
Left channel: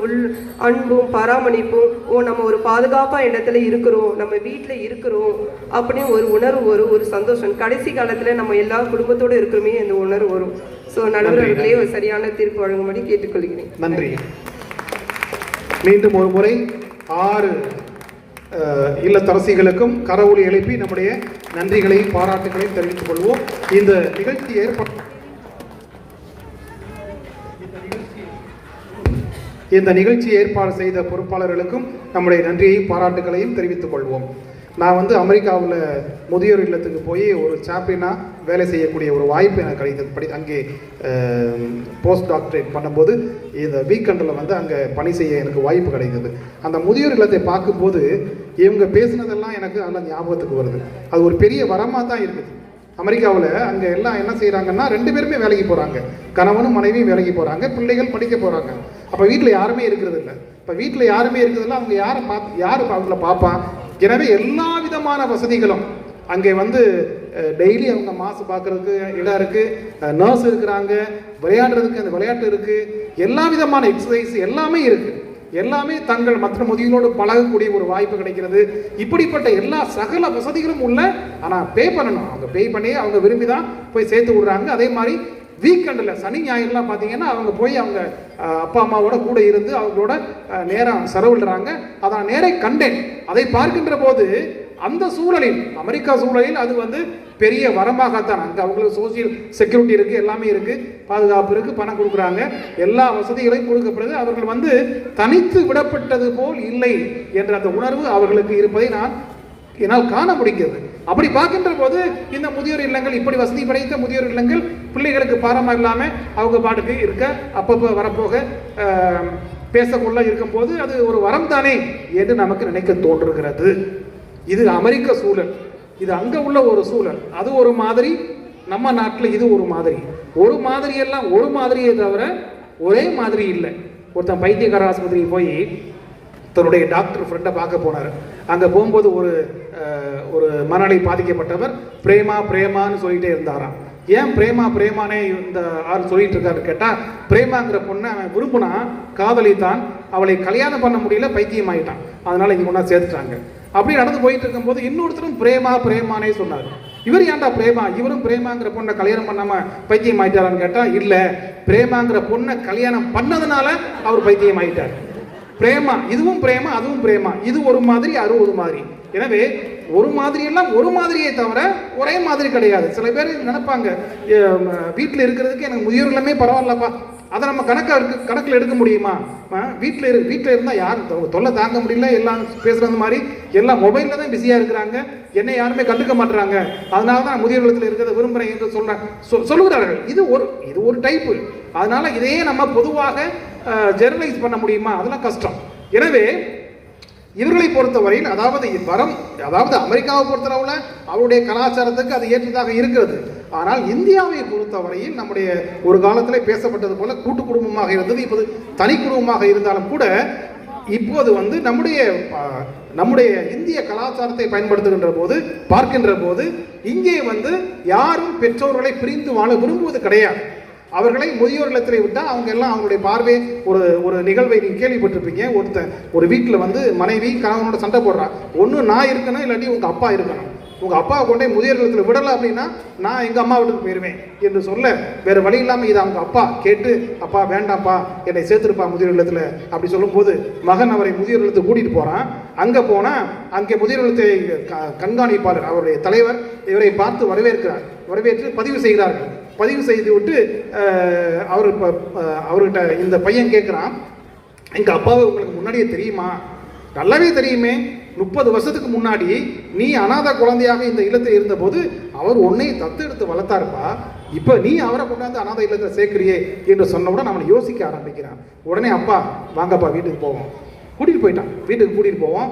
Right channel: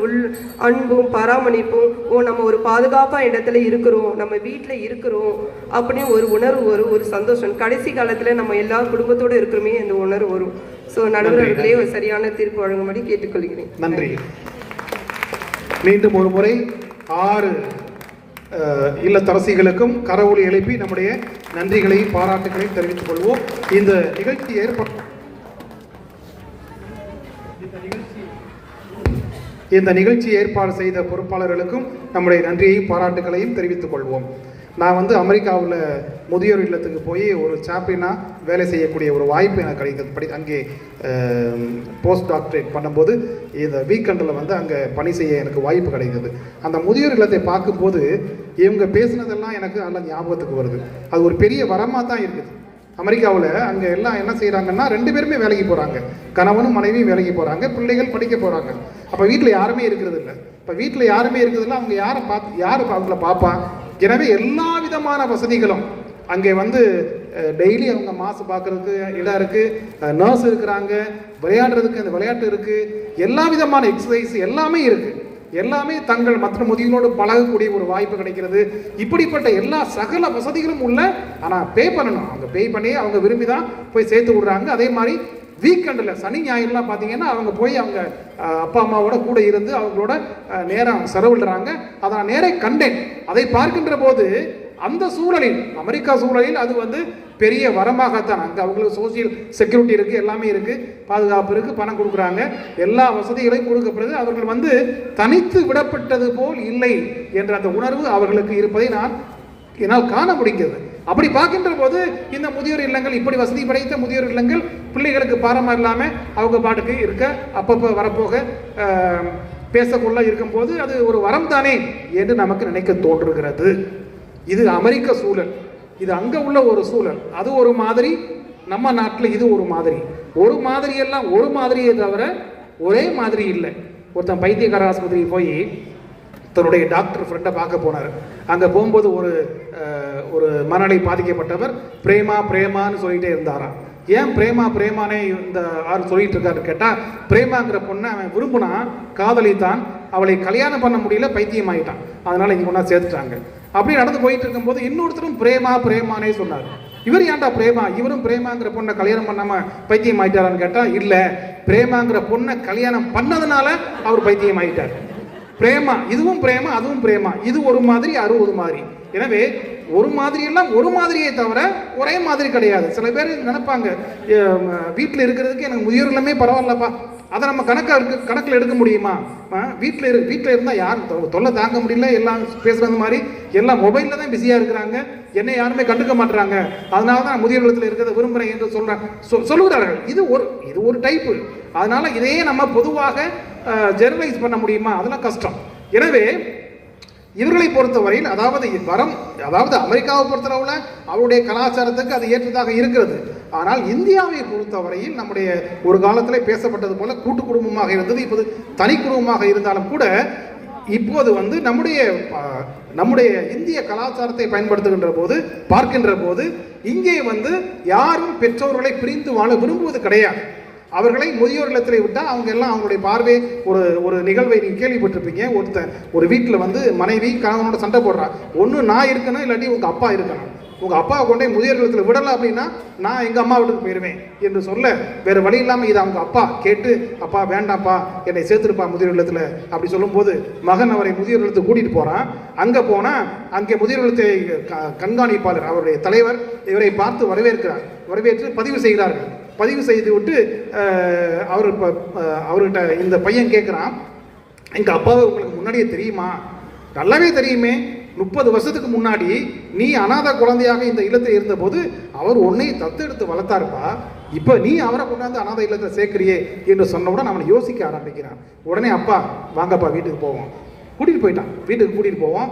அன்பும் பராமரிப்பும், நம்ம ஒரு பாதுகாப்பாக இடத்துல இருக்கிறோம், நம்ம வீட்டில் இருக்கிறோம் அப்படின்னு ஒரு உணர்வு வரும், ஒரு சந்தோஷம். கடைசி காலத்தில் நம்ம எல்லா குடும்பத்தோடு இருக்கிறோமே அந்த உணர்வு வரும். ஸோ நடுவர்களே ஒரு சரியான தீர்ப்பு வழங்கும்படி கேட்டுக்கொள்கிறேன். நன்றி. மீண்டும் ஒரு முறை 6 இல்லத்தரசிகளுக்கும் கரவொலி எழுப்பி நம்முடைய நன்றிகளை பாராட்டுகளை தெரிவித்துக் கொள்வோம். இந்த நிகழ்ச்சி ஏற்பாடு செய்த பொறுப்பாளர்களுக்கும் நம்முடைய நன்றியையும் பாராட்டுகளையும் தெரிவித்துக் கொள்வோம். நான் அமெரிக்காவில் முதியோர் இல்லத்துக்கு போய் ஒரு சாம்பியனாக வேலை செய்யக்கூடிய ஒரு வாய்ப்பு எனக்கு கிடைத்தது. அங்கே போஸ்ட் டாக்டரேட் பண்ணும்போது இந்த வீக்கெண்டில் அங்கே பணி செய்ய எனக்கு வாய்ப்பு கிடைத்தது. அந்த முதியோர் இல்லத்தை பார்க்கும்போது இவங்க பேசினதெல்லாம் எனக்கு நல்ல ஞாபகத்துக்கு வருது. அது ஒரு பெரிய வரமாக தான் இருக்குது. அமெரிக்காவில் அங்கே எல்லாம் என்ன செய்கிறாங்கன்னா 2 பேருமே வேலைக்கு போகிறாங்க, கணவனும் மனைவியும் வேலைக்கு போகிறாங்க, பிள்ளைகள் படிக்க போகிறாங்க. அப்போ வீட்டில் யாருமே இருக்கிறது இல்லை. இப்போ வீட்டில் யாருமே இருக்கிறதில்ல, அவங்க யார் அவங்கள பார்ப்பான்? எனவே எல்லா விதமான வசதிகளும் அங்கே டெய்லி அவங்க மாசு பார்க்கறதுக்கு இடம் இருக்குது, நர்ஸ் இருக்கிறாங்க, விளையாடுறதுக்கு அந்த விளையாட்டு இருக்குது, எல்லா விதமான எக்ஸசைஸ் எல்லாமே இருக்குது. எல்லாமே தங்கள் மற்ற முதியோரோடு பழகக்கூடிய ஒரு வாய்ப்பு கிடைக்கிறது. இப்படிப்பட்ட எல்லா சகல வசதிகளும் உள்ள, ஆனால் பே பண்ணணும். அவங்க பே பண்ணி அவங்க விரும்பி தான் போய் சேர்த்து விடுறாங்க. அதே மாதிரி வீக்கெண்டில் சனி ஞாயிறுலாம் பார்த்தீங்கன்னா அவங்க போய் அவங்க அப்பா அம்மாவோட கூட இருந்து அவங்களோட நேரம் செலவிடுறாங்க. அதை நான் நேரே கண்டேன். அதை பார்க்கின்ற போது அந்த சூழலில், அமெரிக்கா சூழலில் அது வந்து பெரிய வரமாகத்தான். அங்கே அவங்களுக்கு சோசியல் செக்யூரிட்டி இருக்குது, எல்லாமே இருக்குது, பாதுகாப்பு இருக்குது, பணம் கொடுக்குறாங்க, எல்லா வசதிகளையும் கொடுக்கப்படுது. அவர்கள் வந்து தனித்து விடப்பட்டது போல் இல்லை என்ற அந்த உணர்வு அவர்களுக்கு இருப்பதை என்னால் காண முடிகிறது. அப்படி பார்க்கின்ற போது இந்த முதியோர் இல்லங்கள், இப்படி வசதி படைத்த முதியோர் இல்லங்கள் பிள்ளைகளுக்கு பாரமாக இல்லாமல் அவங்க பாட்டுக்கு இருக்க, அப்பப்போ வரப்போக பேசக்குள்ள இருக்கும்போது அது ஒரு வரம் தானே என்று நமக்கு நினைக்க தோன்றுகிறது. இது அமெரிக்க சூழல், இது அங்கே உள்ள ஒரு சூழல். அது ஒரு மாதிரி, நம்ம நாட்டில் இது ஒரு மாதிரி. ஒரு மாதிரி எல்லாம் ஒரு மாதிரியே தவிர ஒரே மாதிரி இல்லை. ஒருத்தன் பைத்தியக்கார ஆஸ்பத்திரி போய் தன்னுடைய டாக்டர் ஃப்ரெண்டை பார்க்க போனார். அங்கே போகும்போது ஒரு மனநிலை பாதிக்கப்பட்டவர் பிரேமான்னு சொல்லிகிட்டே இருந்தாராம். ஏன் பிரேமானே இந்த ஆள் சொல்லிட்டு இருக்காரு கேட்டால், பிரேமாங்கிற பொண்ணை அவன் விரும்பினா, காதலித்தான், அவளை கல்யாணம் பண்ண முடியல, பைத்தியம் ஆகிட்டான், அதனால இங்கே ஒன்றா சேர்த்துட்டாங்க. அப்படி நடந்து போயிட்டு இருக்கும்போது இன்னொருத்தரும் பிரேமானே சொன்னார். இவர் ஏன்டா பிரேமா, இவரும் பிரேமாங்கிற பொண்ணை கல்யாணம் பண்ணாம பைத்தியம் ஆயிட்டாரான்னு கேட்டா, இல்ல, பிரேமாங்கிற பொண்ணை கல்யாணம் பண்ணதுனால அவர் பைத்தியம் ஆயிட்டார். பிரேமா, இதுவும் பிரேமா அதுவும் பிரேமா, இது ஒரு மாதிரி 60 மாதிரி. எனவே ஒரு மாதிரி எல்லாம் ஒரு மாதிரியே தவிர ஒரே மாதிரி கிடையாது. சில பேர் நினைப்பாங்க, வீட்டில் இருக்கிறதுக்கு எனக்கு முதியோர் எல்லாமே பரவாயில்லப்பா, அதை நம்ம கணக்கில் எடுக்க முடியுமா? வீட்டில் இருந்தால் யாரும் தொல்லை தாங்க முடியல, எல்லாம் பேசுகிறது மாதிரி எல்லாம் மொபைலில் தான் பிஸியாக இருக்கிறாங்க, என்னை யாருமே கண்டுக்க மாட்டுறாங்க, அதனால தான் முதியோர் இல்லத்தில் இருக்கிறத விரும்புகிறேன் என்று சொல்லுகிறார்கள். இது ஒரு டைப்பு. அதனால இதையே நம்ம பொதுவாக ஜெனரலைஸ் பண்ண முடியுமா? அதெல்லாம் கஷ்டம். எனவே இவர்களை பொறுத்தவரையில், அதாவது அமெரிக்காவை பொறுத்தளவில் அவருடைய கலாச்சாரத்துக்கு அது ஏற்றதாக இருக்கிறது. ஆனால் இந்தியாவை பொறுத்தவரையில் நம்முடைய ஒரு காலத்தில் பேசப்பட்டது போல கூட்டு குடும்பமாக இருந்தது, இப்போது தனி குடும்பமாக இருந்தாலும் கூட இப்போது வந்து நம்முடைய இந்திய கலாச்சாரத்தை பயன்படுத்துகின்ற போது, பார்க்கின்ற போது, இங்கே வந்து யாரும் பெற்றோர்களை பிரிந்து வாழ விரும்புவது கிடையாது. அவர்களை முதியோர் இல்லத்தில் விட்டால் அவங்க எல்லாம் அவங்களுடைய பார்வை, ஒரு நிகழ்வை நீங்கள் கேள்விப்பட்டிருப்பீங்க. ஒரு வீட்டில் வந்து மனைவி கணவனோட சண்டை போடுறாங்க. ஒன்று நான் இருக்கணும், இல்லாட்டி உங்கள் அப்பா இருக்கணும். உங்கள் அப்பாவை கொண்டே முதியோர் இல்லத்தில் விடலை அப்படின்னா நான் எங்கள் அம்மா வீட்டுக்கு போயிடுவேன் என்று சொல்ல வேறு வழி இல்லாமல் இதை அவங்க அப்பா கேட்டு, அப்பா வேண்டாம்ப்பா என்னை சேர்த்துருப்பா முதியோர் இல்லத்தில் அப்படி சொல்லும்போது மகன் அவரை முதியோர் இல்லத்துக்கு கூட்டிகிட்டு போகிறான். அங்கே போனால் அங்கே முதியோர் இல்லத்தை கண்காணிப்பாளர், அவருடைய தலைவர் இவரை பார்த்து வரவேற்று பதிவு செய்கிறார்கள். பதிவு செய்து விட்டு அவர்கிட்ட இந்த பையன் கேட்குறான், எங்கள் அப்பாவை உங்களுக்கு முன்னாடியே தெரியுமா? நல்லாவே தெரியுமே, 30 வருஷத்துக்கு முன்னாடி நீ அநாத குழந்தையாக இந்த இல்லத்தில் இருந்தபோது அவர் உன்னை தத்தெடுத்து வளர்த்தாருப்பா, இப்போ நீ அவரை கொண்டாந்து அநாத இல்லத்தில் சேர்க்கிறியே என்று சொன்னவுடன் அவனை யோசிக்க ஆரம்பிக்கிறான். உடனே அப்பா வாங்கப்பா வீட்டுக்கு போவோம், கூட்டிகிட்டு போயிட்டான். வீட்டுக்கு கூட்டிகிட்டு போவோம்,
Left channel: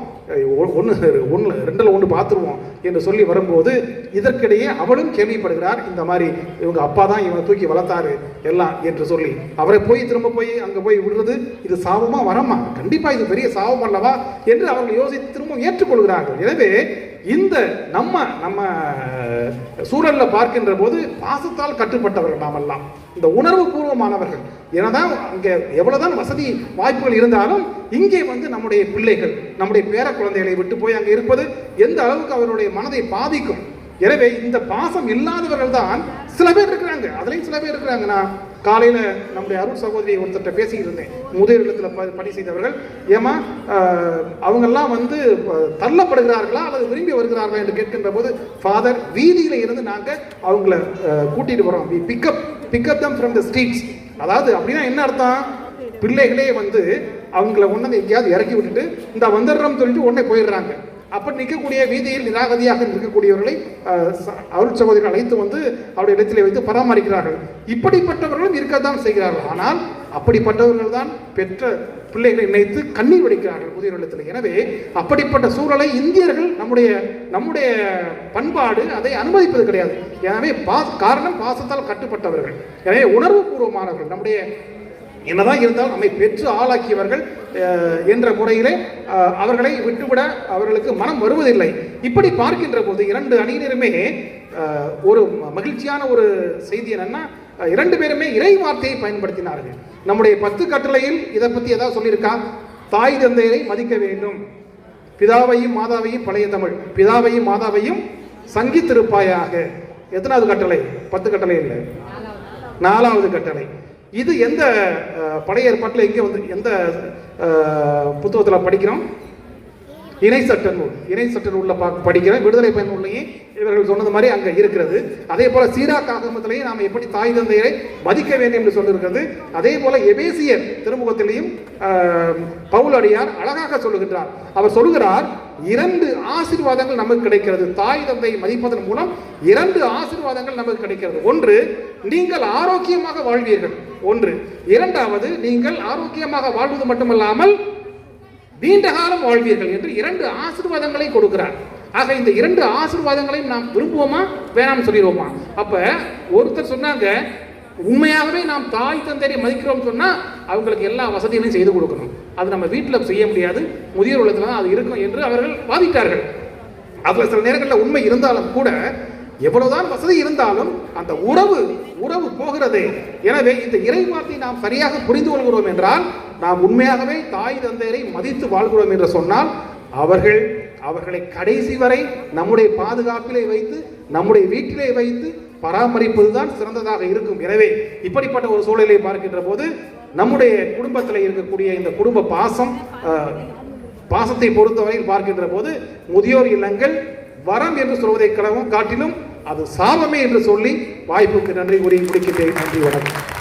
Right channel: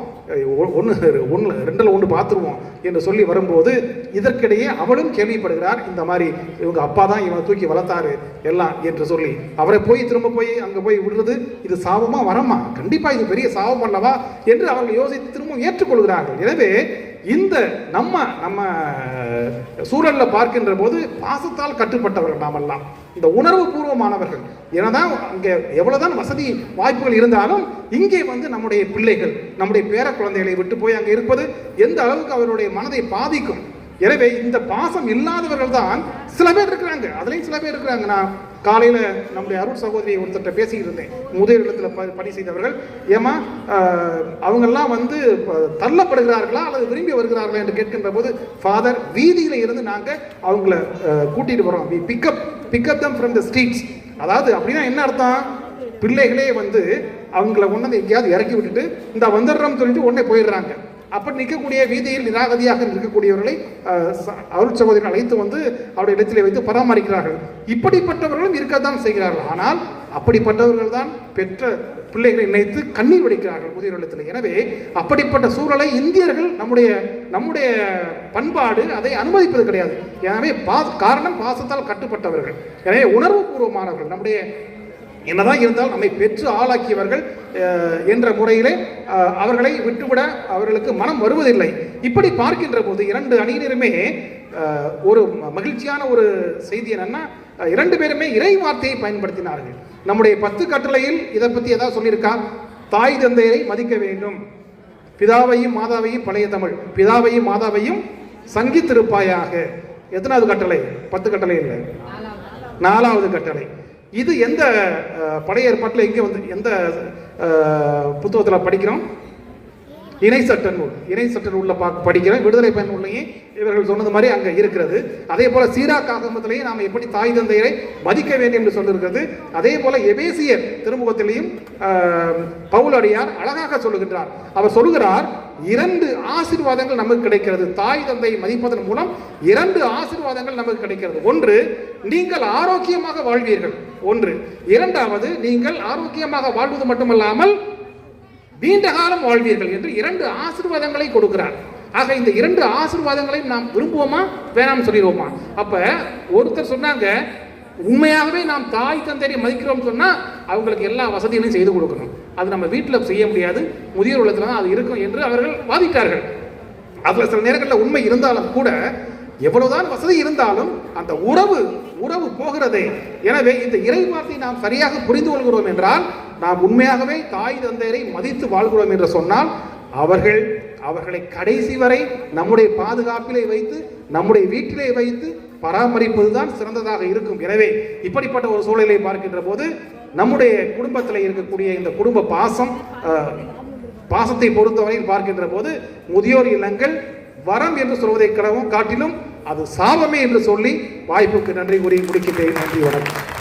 1 பார்த்துருவோம் என்று சொல்லி வரும்போது இதற்கிடையே அவளும் கேள்விப்படுகிறார். இந்த மாதிரி இவங்க அப்பா தான் இவனை தூக்கி வளர்த்தாரு எல்லாம் என்று சொல்லி அவரை திரும்ப போய் அங்கே போய் விடுறது இது சாபமா வரமா? கண்டிப்பாக இது பெரிய சாபம் அல்லவா என்று அவர்கள் யோசித்து திரும்ப ஏற்றுக்கொள்கிறார்கள். எனவே இந்த நம்ம சூழலில் பார்க்கின்ற போது பாசத்தால் கட்டுப்பட்டவர்கள் நாமெல்லாம், இந்த உணர்வு பூர்வமானவர்கள். ஏனதான் இங்கே எவ்வளவுதான் வசதி வாய்ப்புகள் இருந்தாலும் இங்கே வந்து நம்முடைய பிள்ளைகள், நம்முடைய பேர குழந்தைகளை விட்டு போய் அங்கே இருப்பது எந்த அளவுக்கு அவருடைய மனதை பாதிக்கும். எனவே இந்த பாசம் இல்லாதவர்கள் தான் சில பேர் இருக்கிறாங்க, அதுலேயும் சில பேர் இருக்கிறாங்க. நான் காலையில் நம்முடைய அருள் சகோதரியை ஒருத்தட்ட பேசிக்கிட்டு இருந்தேன், முதியோர் இல்லத்தில் பணி செய்தவர்கள். ஏமா அவங்கெல்லாம் வந்து தள்ளப்படுகிறார்களா அல்லது விரும்பி வருகிறார்களா என்று கேட்கின்ற போது, ஃபாதர் வீதியில் இருந்து நாங்கள் அவங்கள கூட்டிகிட்டு வரோம், pick up them from the streets. அதாவது அப்படின்னா என்ன அர்த்தம்? பிள்ளைகளே வந்து அவங்கள ஒன்று எங்கேயாவது இறக்கி விட்டுட்டு இந்த வந்துடுறோம்னு சொல்லிட்டு உடனே போயிடுறாங்க. அப்படி நிற்கக்கூடிய வீதியில் நிராகதியாக நிற்கக்கூடியவர்களை அருள் சகோதரிகள் அழைத்து வந்து அவருடைய இடத்திலே வைத்து பராமரிக்கிறார்கள். இப்படிப்பட்டவர்களும் இருக்கத்தான் செய்கிறார்கள். ஆனால் அப்படிப்பட்டவர்கள் தான் பெற்ற பிள்ளைகளை நினைத்து கண்ணீர் வடிக்கிறார்கள் முதியோர் இல்லத்தில். எனவே அப்படிப்பட்ட சூழலை இந்தியர்கள், நம்முடைய பண்பாடு அதை அனுமதிப்பது கிடையாது. எனவே காரணம் பாசத்தால் கட்டுப்பட்டவர்கள், எனவே உணர்வு பூர்வமானவர்கள். நம்முடைய என்னதான் இருந்தால் நம்மை பெற்று ஆளாக்கியவர்கள் என்ற முறையிலே அவர்களை விட்டுவிட அவர்களுக்கு மனம் வருவதில்லை. இப்படி பார்க்கின்ற போது 2 அணியினருமே ஒரு மகிழ்ச்சியான ஒரு செய்தி என்னன்னா, 2 பேருமே இறை வார்த்தையை பயன்படுத்தினார்கள். நம்முடைய 10 கட்டளையில் இதை பற்றி ஏதாவது சொல்லியிருக்கா? தாய் தந்தையை மதிக்க வேண்டும். பிதாவையும் மாதாவையும், பழைய தமிழ், பிதாவையும் மாதாவையும் சங்கித்திருப்பாயாக. எத்தனாவது கட்டளை? 10 கட்டளை இல்லை, 4வது கட்டளை. இது எந்த பழைய ஏற்பாட்டில் எங்கே வந்து எந்த புத்தகத்தில் படிக்கிறோம்? இணை சட்ட நூல். இணை சட்ட நூலில் படிக்கிறோம். விடுதலை பயன் நூல்லையும் இவர்கள் சொன்னது மாதிரி அங்கே இருக்கிறது. அதே போல சீராக் ஆகமத்திலேயும் நாம் எப்படி தாய் தந்தையை மதிக்க வேண்டும் என்று சொல்லியிருக்கிறது. அதே போல எபேசியர் திருமுகத்திலையும் பவுல் அடியார் அழகாக சொல்லுகின்றார். அவர் சொல்லுகிறார், 2 ஆசீர்வாதங்கள் நமக்கு கிடைக்கிறது. தாய் தந்தையை மதிப்பதன் மூலம் 2 ஆசீர்வாதங்கள் நமக்கு கிடைக்கிறது. ஒன்று, நீங்கள் ஆரோக்கியமாக வாழ்வீர்கள். ஒன்று. இரண்டாவது, நீங்கள் ஆரோக்கியமாக வாழ்வது மட்டுமல்லாமல் நீண்ட காலம் வாழ்வீர்கள் என்று 2 ஆசீர்வாதங்களை கொடுக்கிறார். ஆக இந்த 2 ஆசீர்வாதங்களையும் நாம் விரும்புவோமா, வேணாம்னு சொல்லிடுவோமா? அப்ப ஒருத்தர் சொன்னாங்க, உண்மையாகவே நாம் தாய் தந்தையை மதிக்கிறோம் சொன்னா அவங்களுக்கு எல்லா வசதிகளையும் செய்து கொடுக்கணும். அது நம்ம வீட்டில் செய்ய முடியாது, முதியோர் இல்லத்துல தான் அது இருக்கும் என்று அவர்கள் வாதிட்டார்கள். அதுல சில நேரங்களில் உண்மை இருந்தாலும் கூட, எவ்வளவுதான் வசதி இருந்தாலும் அந்த உறவு போகிறதே. எனவே இந்த இறைவார்த்தை நாம் சரியாக புரிந்து கொள்கிறோம் என்றால், நாம் உண்மையாகவே தாய் தந்தையரை மதித்து வாழ்கிறோம் என்று சொன்னால், அவர்களை கடைசி வரை நம்முடைய பாதுகாப்பிலே வைத்து, நம்முடைய வீட்டிலே வைத்து பராமரிப்பதுதான் சிறந்ததாக இருக்கும். எனவே இப்படிப்பட்ட ஒரு சூழலை பார்க்கின்ற போது, நம்முடைய குடும்பத்தில் இருக்கக்கூடிய இந்த குடும்ப பாசத்தை பொறுத்தவரை பார்க்கின்ற போது, முதியோர் இல்லங்கள் வரம் என்று சொல்வதை காட்டிலும் அது சாபமே என்று சொல்லி வாய்ப்புக்கு நன்றி கூறி முடிக்கின்றேன். நன்றி, வணக்கம்.